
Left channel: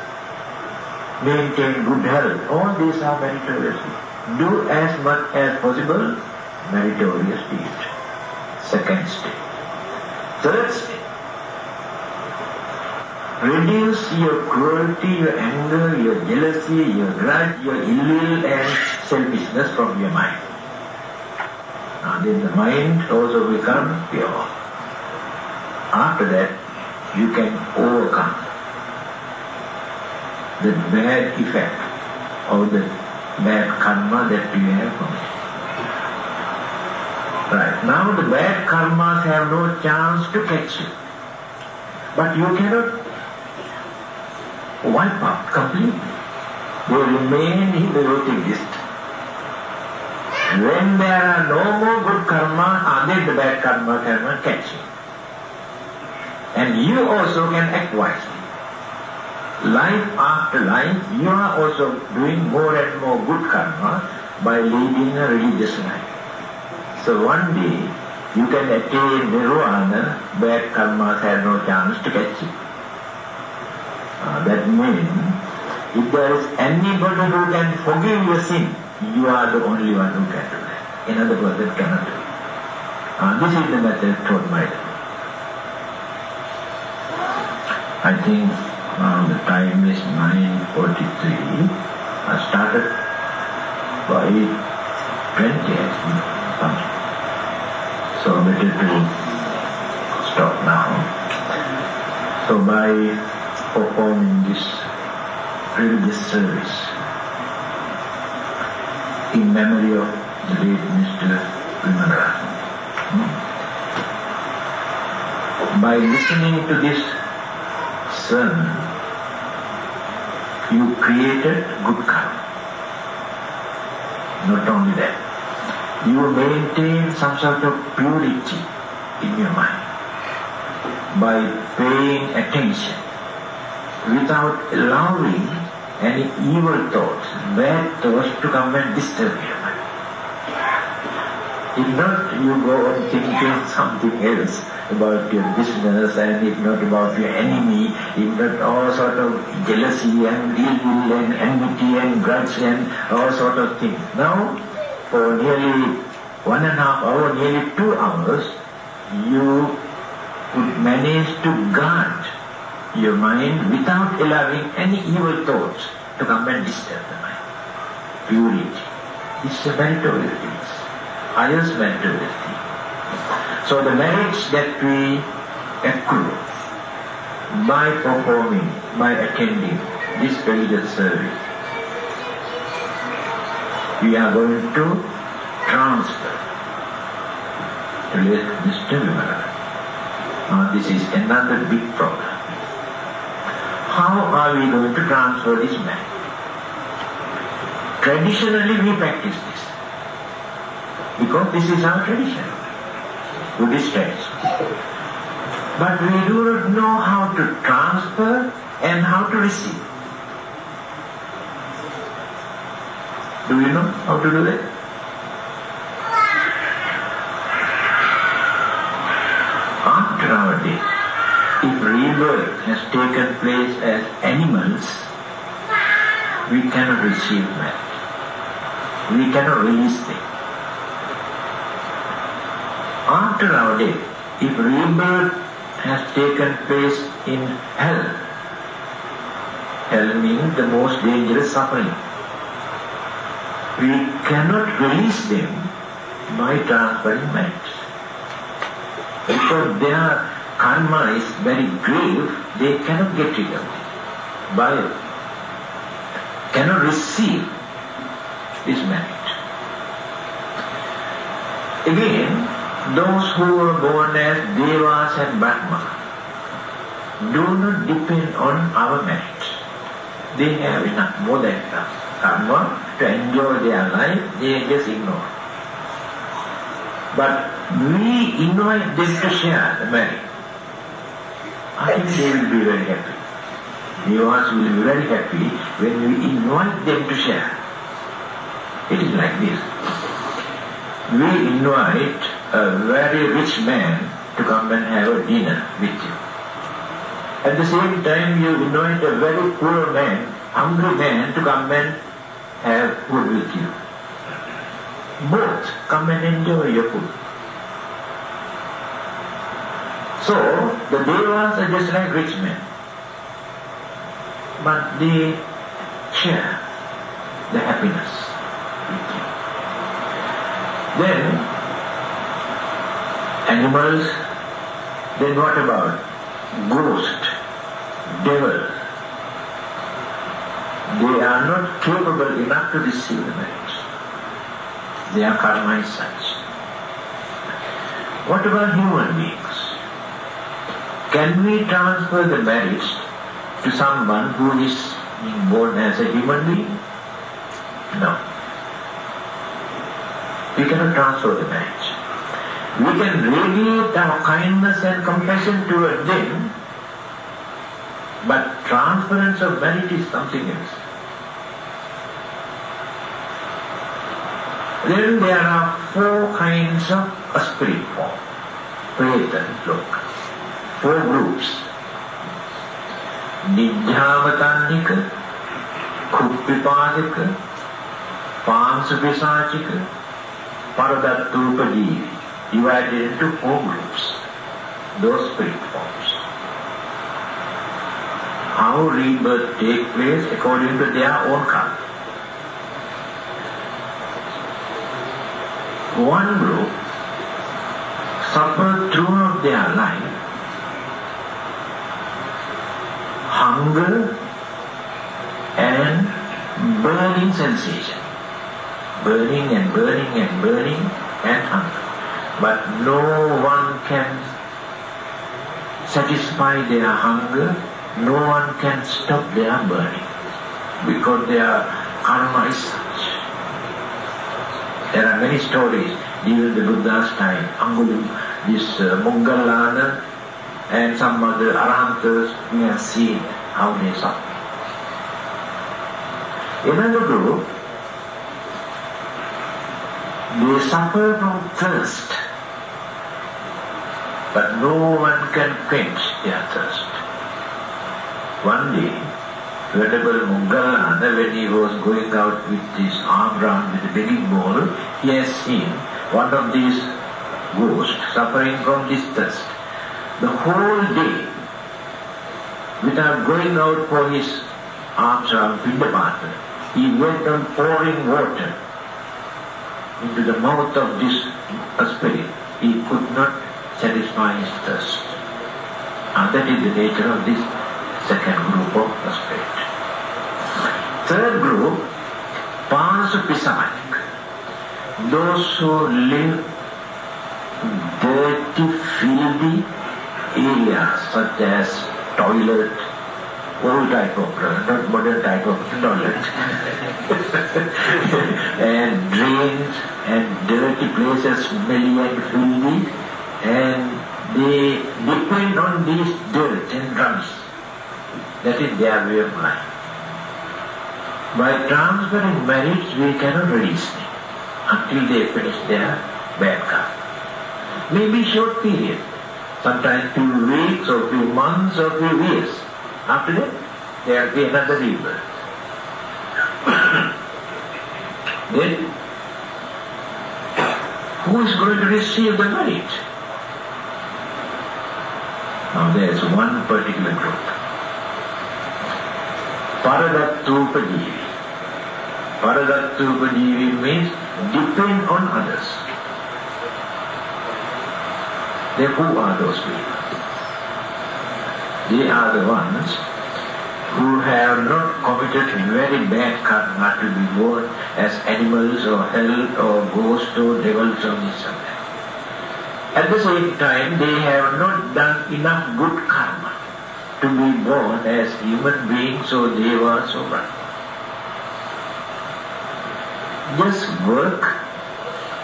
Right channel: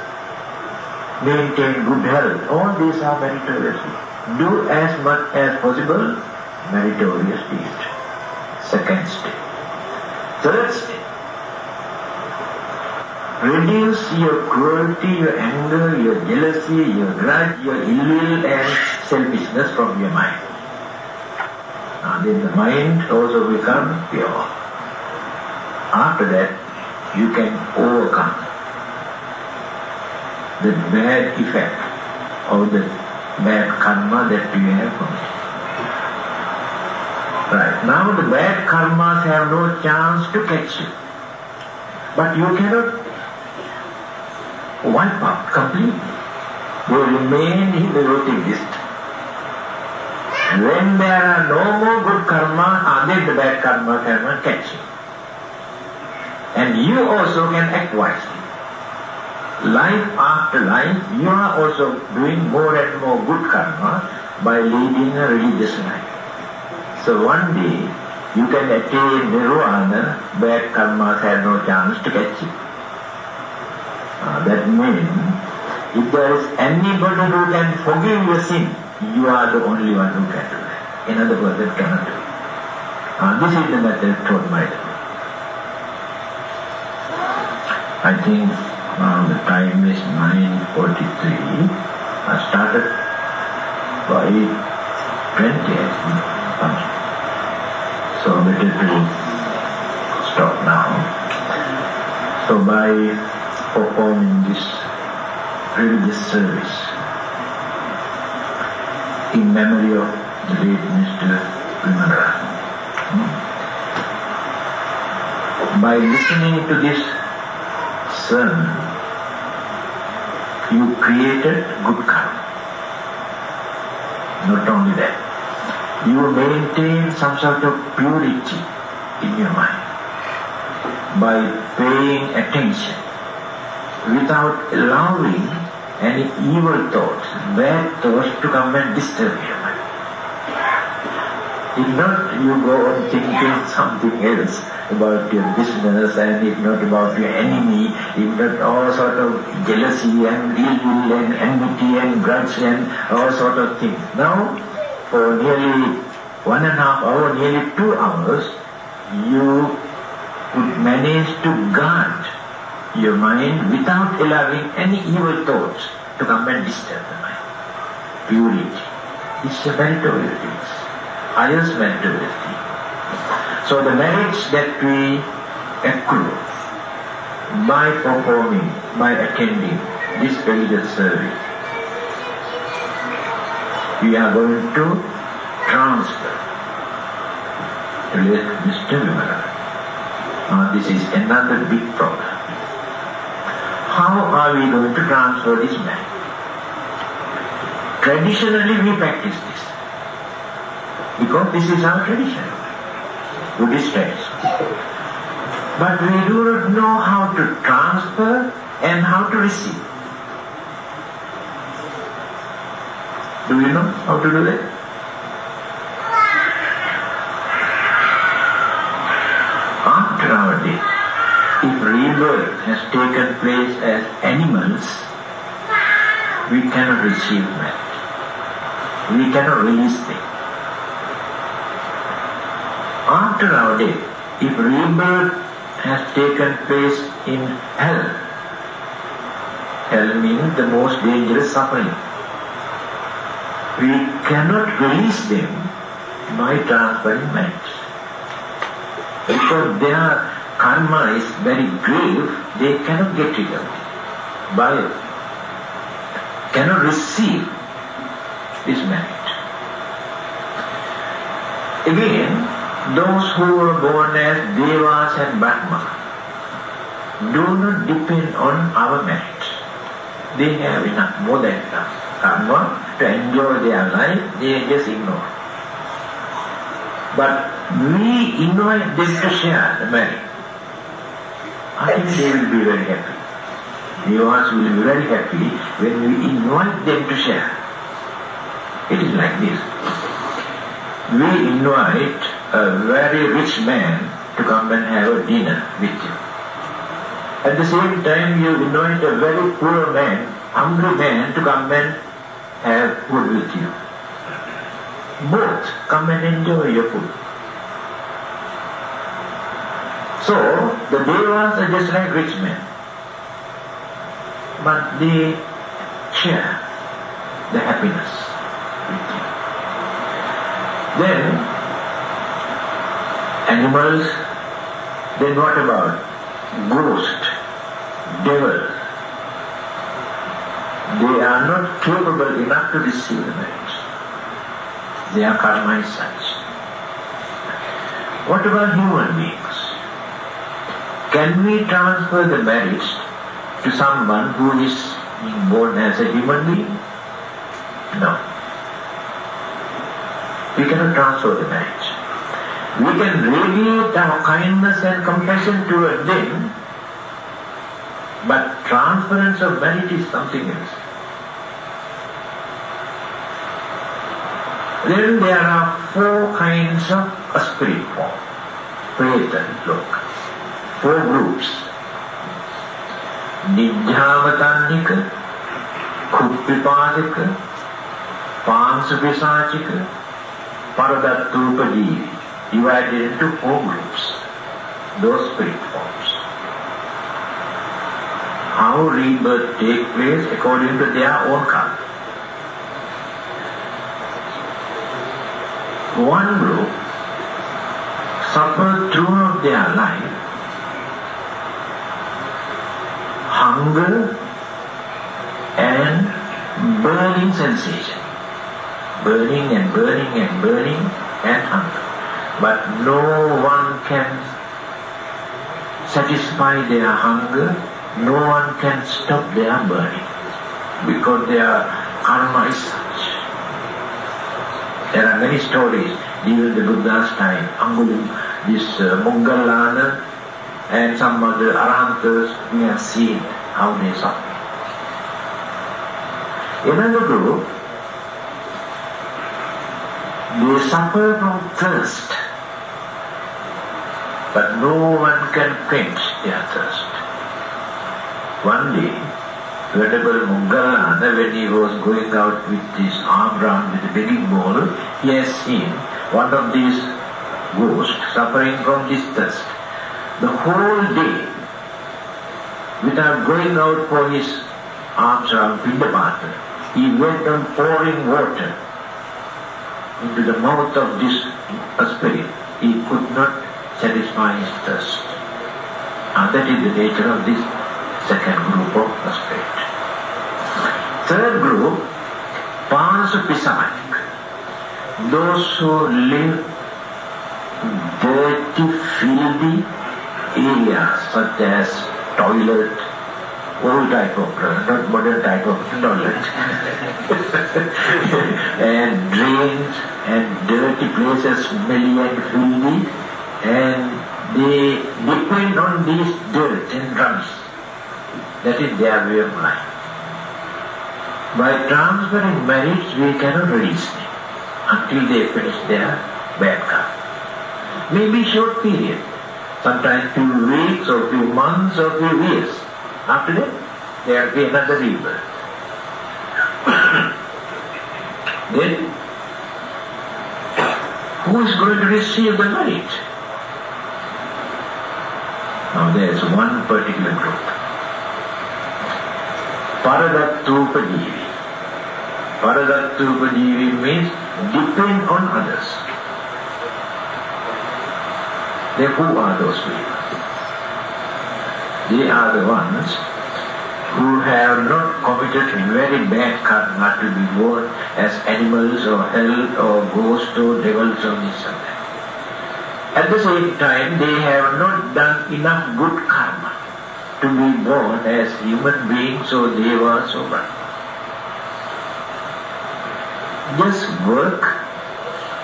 maintain good health. All these are meritorious deeds. Do as much as possible meritorious deeds. Second step. Third step. Reduce your cruelty, your anger, your jealousy, your grudge, your ill will and selfishness from your mind. Then the mind also becomes pure. After that, you can overcome the bad effect of the bad karma that you have committed. Right. Now the bad karmas have no chance to catch you. But you cannot wipe out completely. They remain in the routine list. When there are no more good karma, then the bad karma cannot catch you. And you also can act wisely. Life after life, you are also doing more and more good karma by leading a religious life. So one day, you can attain nirvana, bad karma have no chance to catch you. That means, if there is anybody who can forgive your sin, you are the only one who can do that. In other words, it cannot do. This is the method taught by them. I think now the time is 9:43. I started by 20 actually. So better to stop now. So by performing this religious service in memory of the late Mr. Dhammananda, by listening to this sermon, you created good karma. Not only that, you maintain some sort of purity in your mind by paying attention without allowing any evil thoughts, bad thoughts to come and disturb your mind. If not, you go on thinking something else about your business, and if not about your enemy, if not all sort of jealousy and ill will and enmity and grudge and all sort of things. Now, for nearly 1.5 hours, nearly 2 hours, you could manage to guard your mind without allowing any evil thoughts to come and disturb the mind. Purity. It's a meritorious thing. Highest meritorious thing. So the merits that we accrue by performing, by attending this religious service, we are going to transfer to Mr. Dhammananda. Now this is another big problem. How are we going to transfer this man? Traditionally we practice this, because this is our tradition, Buddhist tradition. But we do not know how to transfer and how to receive. Do you know how to do that? After our death, if rebirth has taken place as animals, we cannot receive that. We cannot release them. after our death, if rebirth has taken place in hell, hell means the most dangerous suffering, we cannot release them by transferring minds. Because their karma is very grave, they cannot get rid of it. Cannot receive this merit. Again, those who were born as Devas and Brahma do not depend on our merit. They have enough, more than enough karma to enjoy their life, they just ignore. But we invite them to share the merit. I think they will be very happy. Devas will be very happy when we invite them to share. It is like this. We invite a very rich man to come and have a dinner with you. At the same time, you invite a very poor man, hungry man, to come and have food with you. Both come and enjoy your food. So, the Devas are just like rich men, but they share the happiness. Then, animals, then what about ghosts, devils? They are not capable enough to receive the merit. Their karma is such. What about human beings? Can we transfer the merit to someone who is born as a human being? No. We cannot transfer the merit. We can radiate our kindness and compassion towards them, but transference of merit is something else. Then there are 4 kinds of spirit form, Preta, look, 4 groups. Nidhyavatannika, Kuptipadika, Pansapisachika, Paradatupadi, divided into 4 groups, those spirit forms. How rebirth takes place according to their own karma. One group suffer throughout their life hunger and burning sensation. Burning and burning and burning and hunger. But no one can satisfy their hunger, no one can stop their burning, because their karma is such. There are many stories during the Buddha's time. This Mungalana and some other Arahantas, we have seen how they suffer. Another group, they suffer from thirst, but no one can quench their thirst. One day, Venerable Mungalana, when he was going out with his arm round with a begging bowl, he has seen one of these ghosts suffering from this thirst. The whole day, without going out for his arms round Pindapata, he went on pouring water into the mouth of this spirit. He could not satisfy his thirst. And that is the nature of this second group of spirit. Third group, Pansapisachika, those who live in dirty, filthy areas such as toilet, old type of not modern type of toilet, and drains and dirty places, smelly and filthy, and they depend on these dirt and drugs. That is their way of life. By transferring merit, we cannot release them until they finish their bad karma. Maybe short period, sometimes few weeks or few months or few years. After that, there will be another rebirth. Then, who is going to receive the light? Now there is one particular group. Paradattupajivi. Paradattupajivi means depend on others. Then who are those people? They are the ones who have not committed very bad karma to be born as animals or hell or ghosts or devils or something. At the same time, they have not done enough good karma to be born as human beings or devas or what. Just work,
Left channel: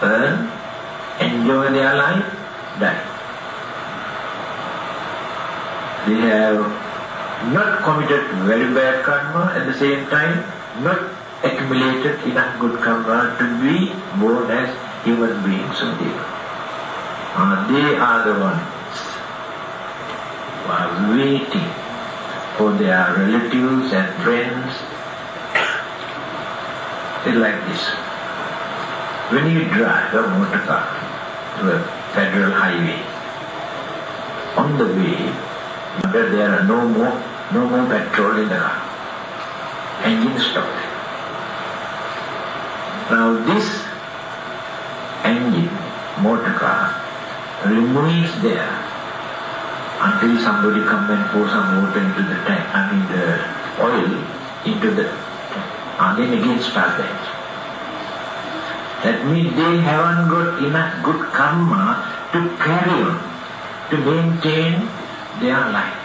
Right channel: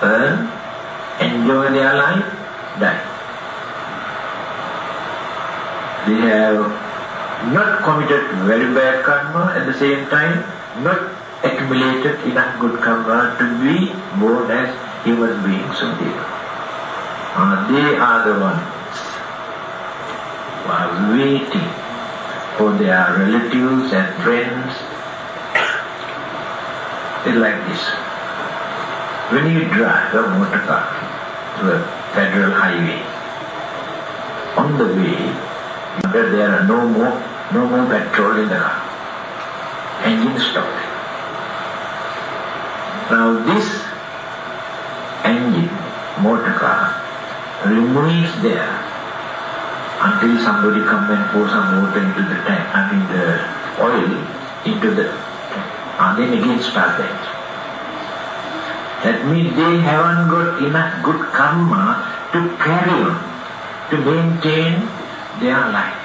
earn, enjoy their life, die. They have not committed very bad karma, at the same time not accumulated enough good karma to be born as human beings or devas. They are the ones who are waiting for their relatives and friends. It's like this. When you drive a motor car to a federal highway, on the way, there are no more petrol in the car. Engine stopped. Now this engine, motor car, remains there until somebody comes and pours some water into the tank, the oil into the tank, and then again started. That means they haven't got enough good karma to carry on, to maintain their life.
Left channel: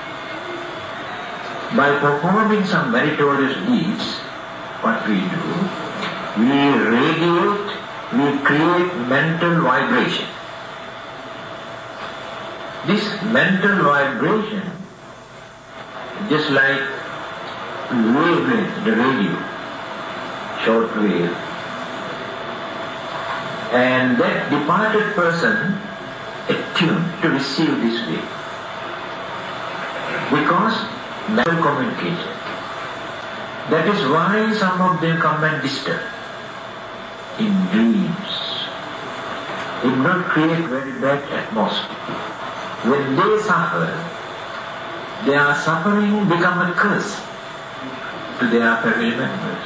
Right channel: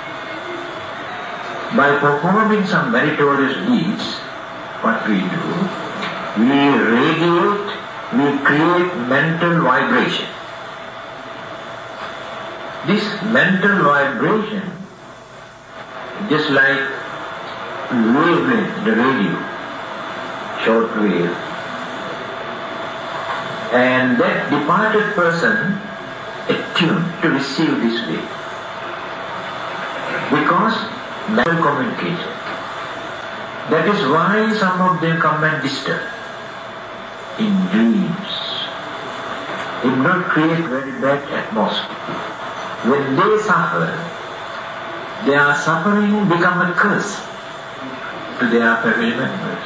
By performing some meritorious deeds, what we do, we radiate, we create mental vibration. This mental vibration, just like wavelength, the radio, short wave, and that departed person attuned to receive this wave. Because mental communication. That is why some of them come and disturb in dreams. It will not create very bad atmosphere. When they suffer, their suffering becomes a curse to their family members.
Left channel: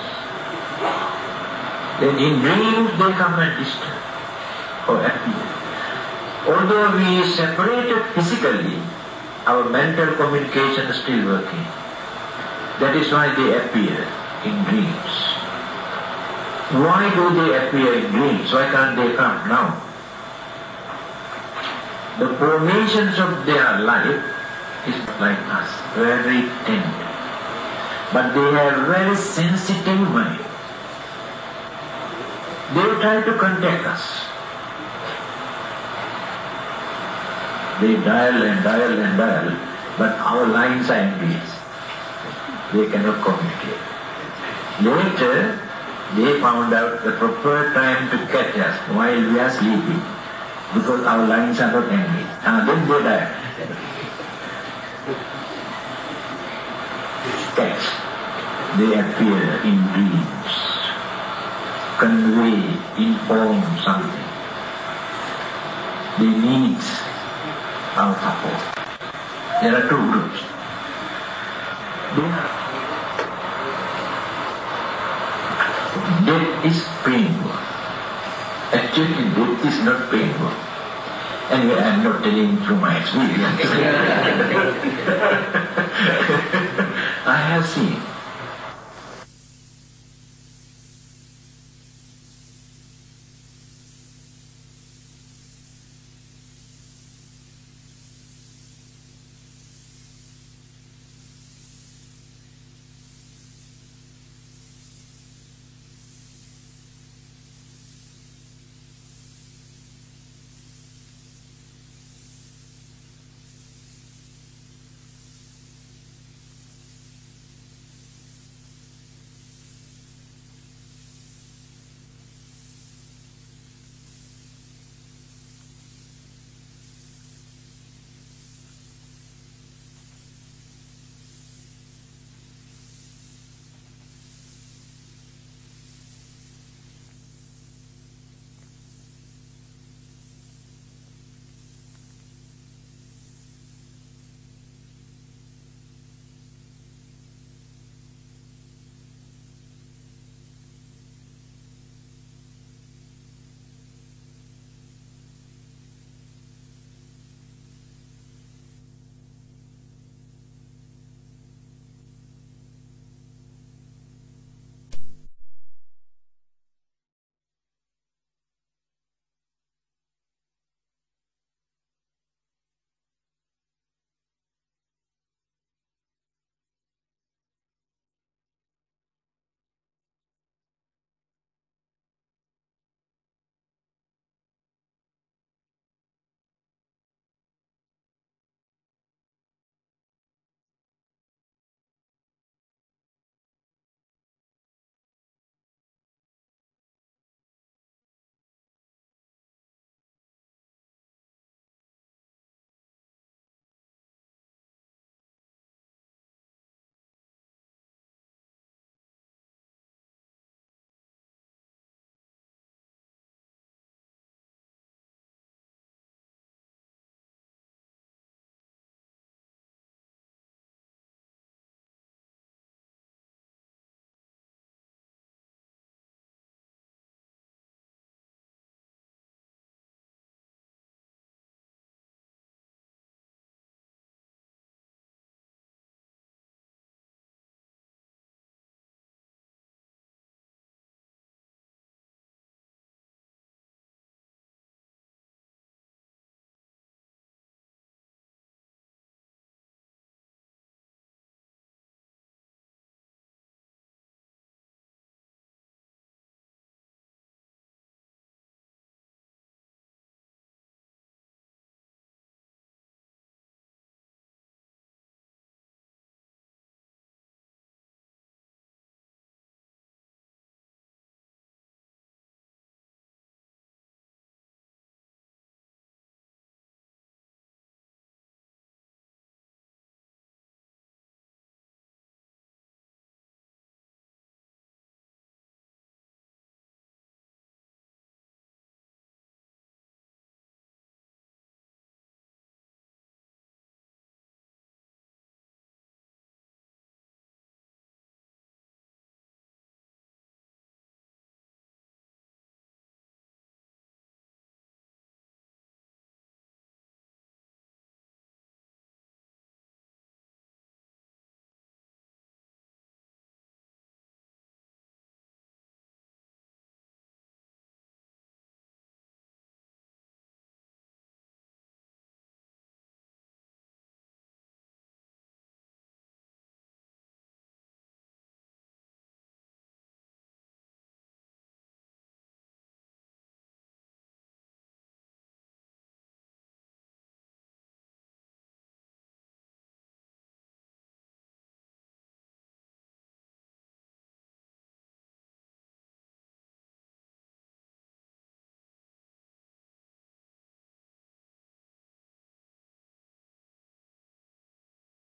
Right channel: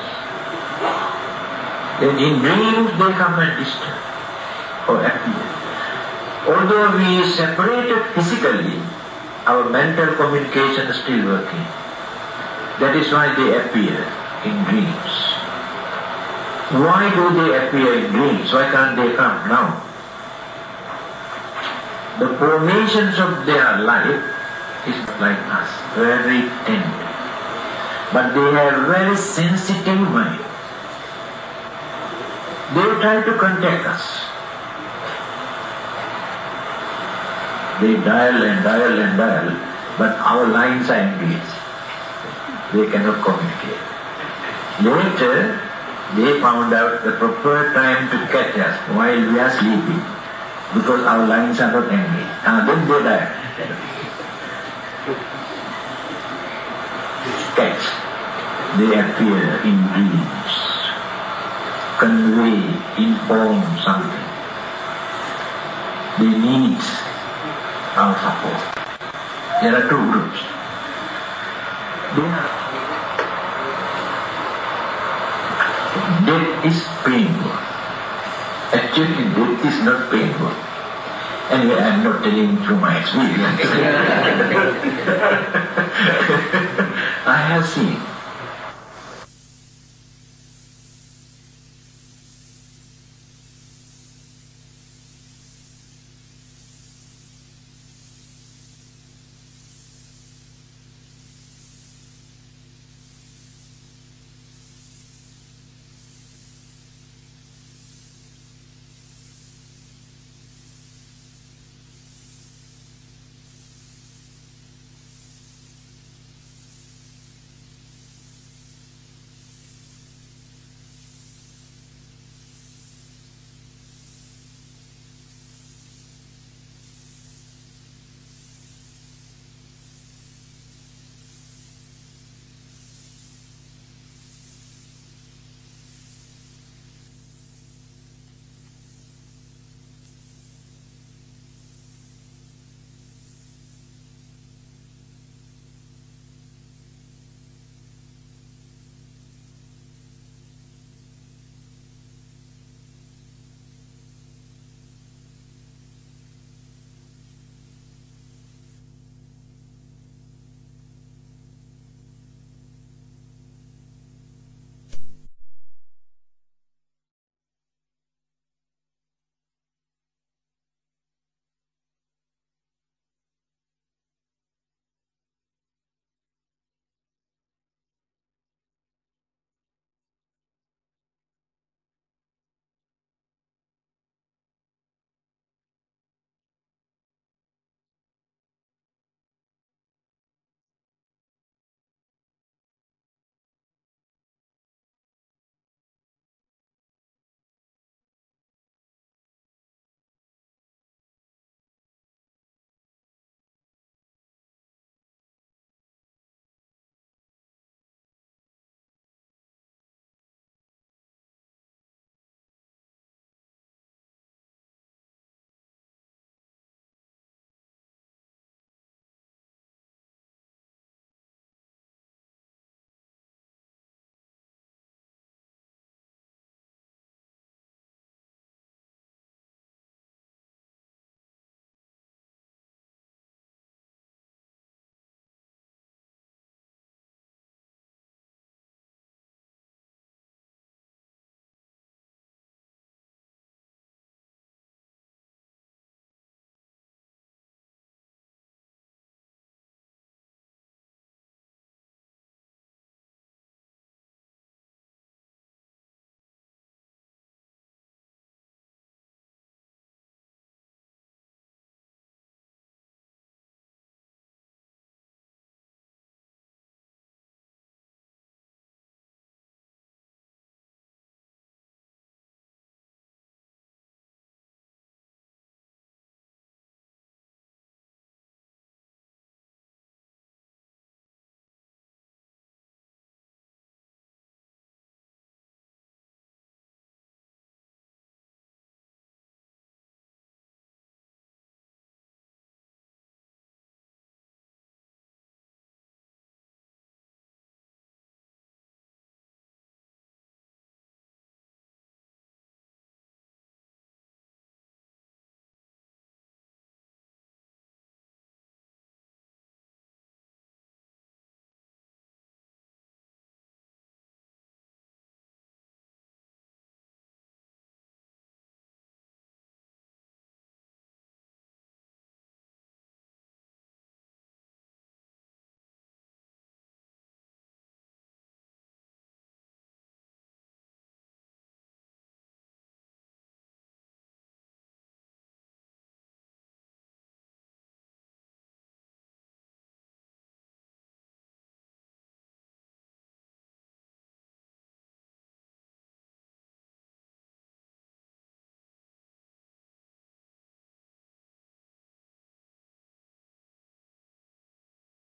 Then in dreams they come and disturb or appear. Although we separated physically, our mental communication is still working. That is why they appear in dreams. Why do they appear in dreams? Why can't they come now? The formations of their life is like us, very tender. But they have very sensitive mind. They try to contact us. They dial and dial and dial, but our lines are engaged. They cannot communicate. Later, they found out the proper time to catch us while we are sleeping, because our lines are not engaged. Then they die. Catch. They appear in dreams, convey, inform something. They need our support. There are two groups. Death is painful. Actually, death is not painful. Anyway, I am not telling you my experience. I have seen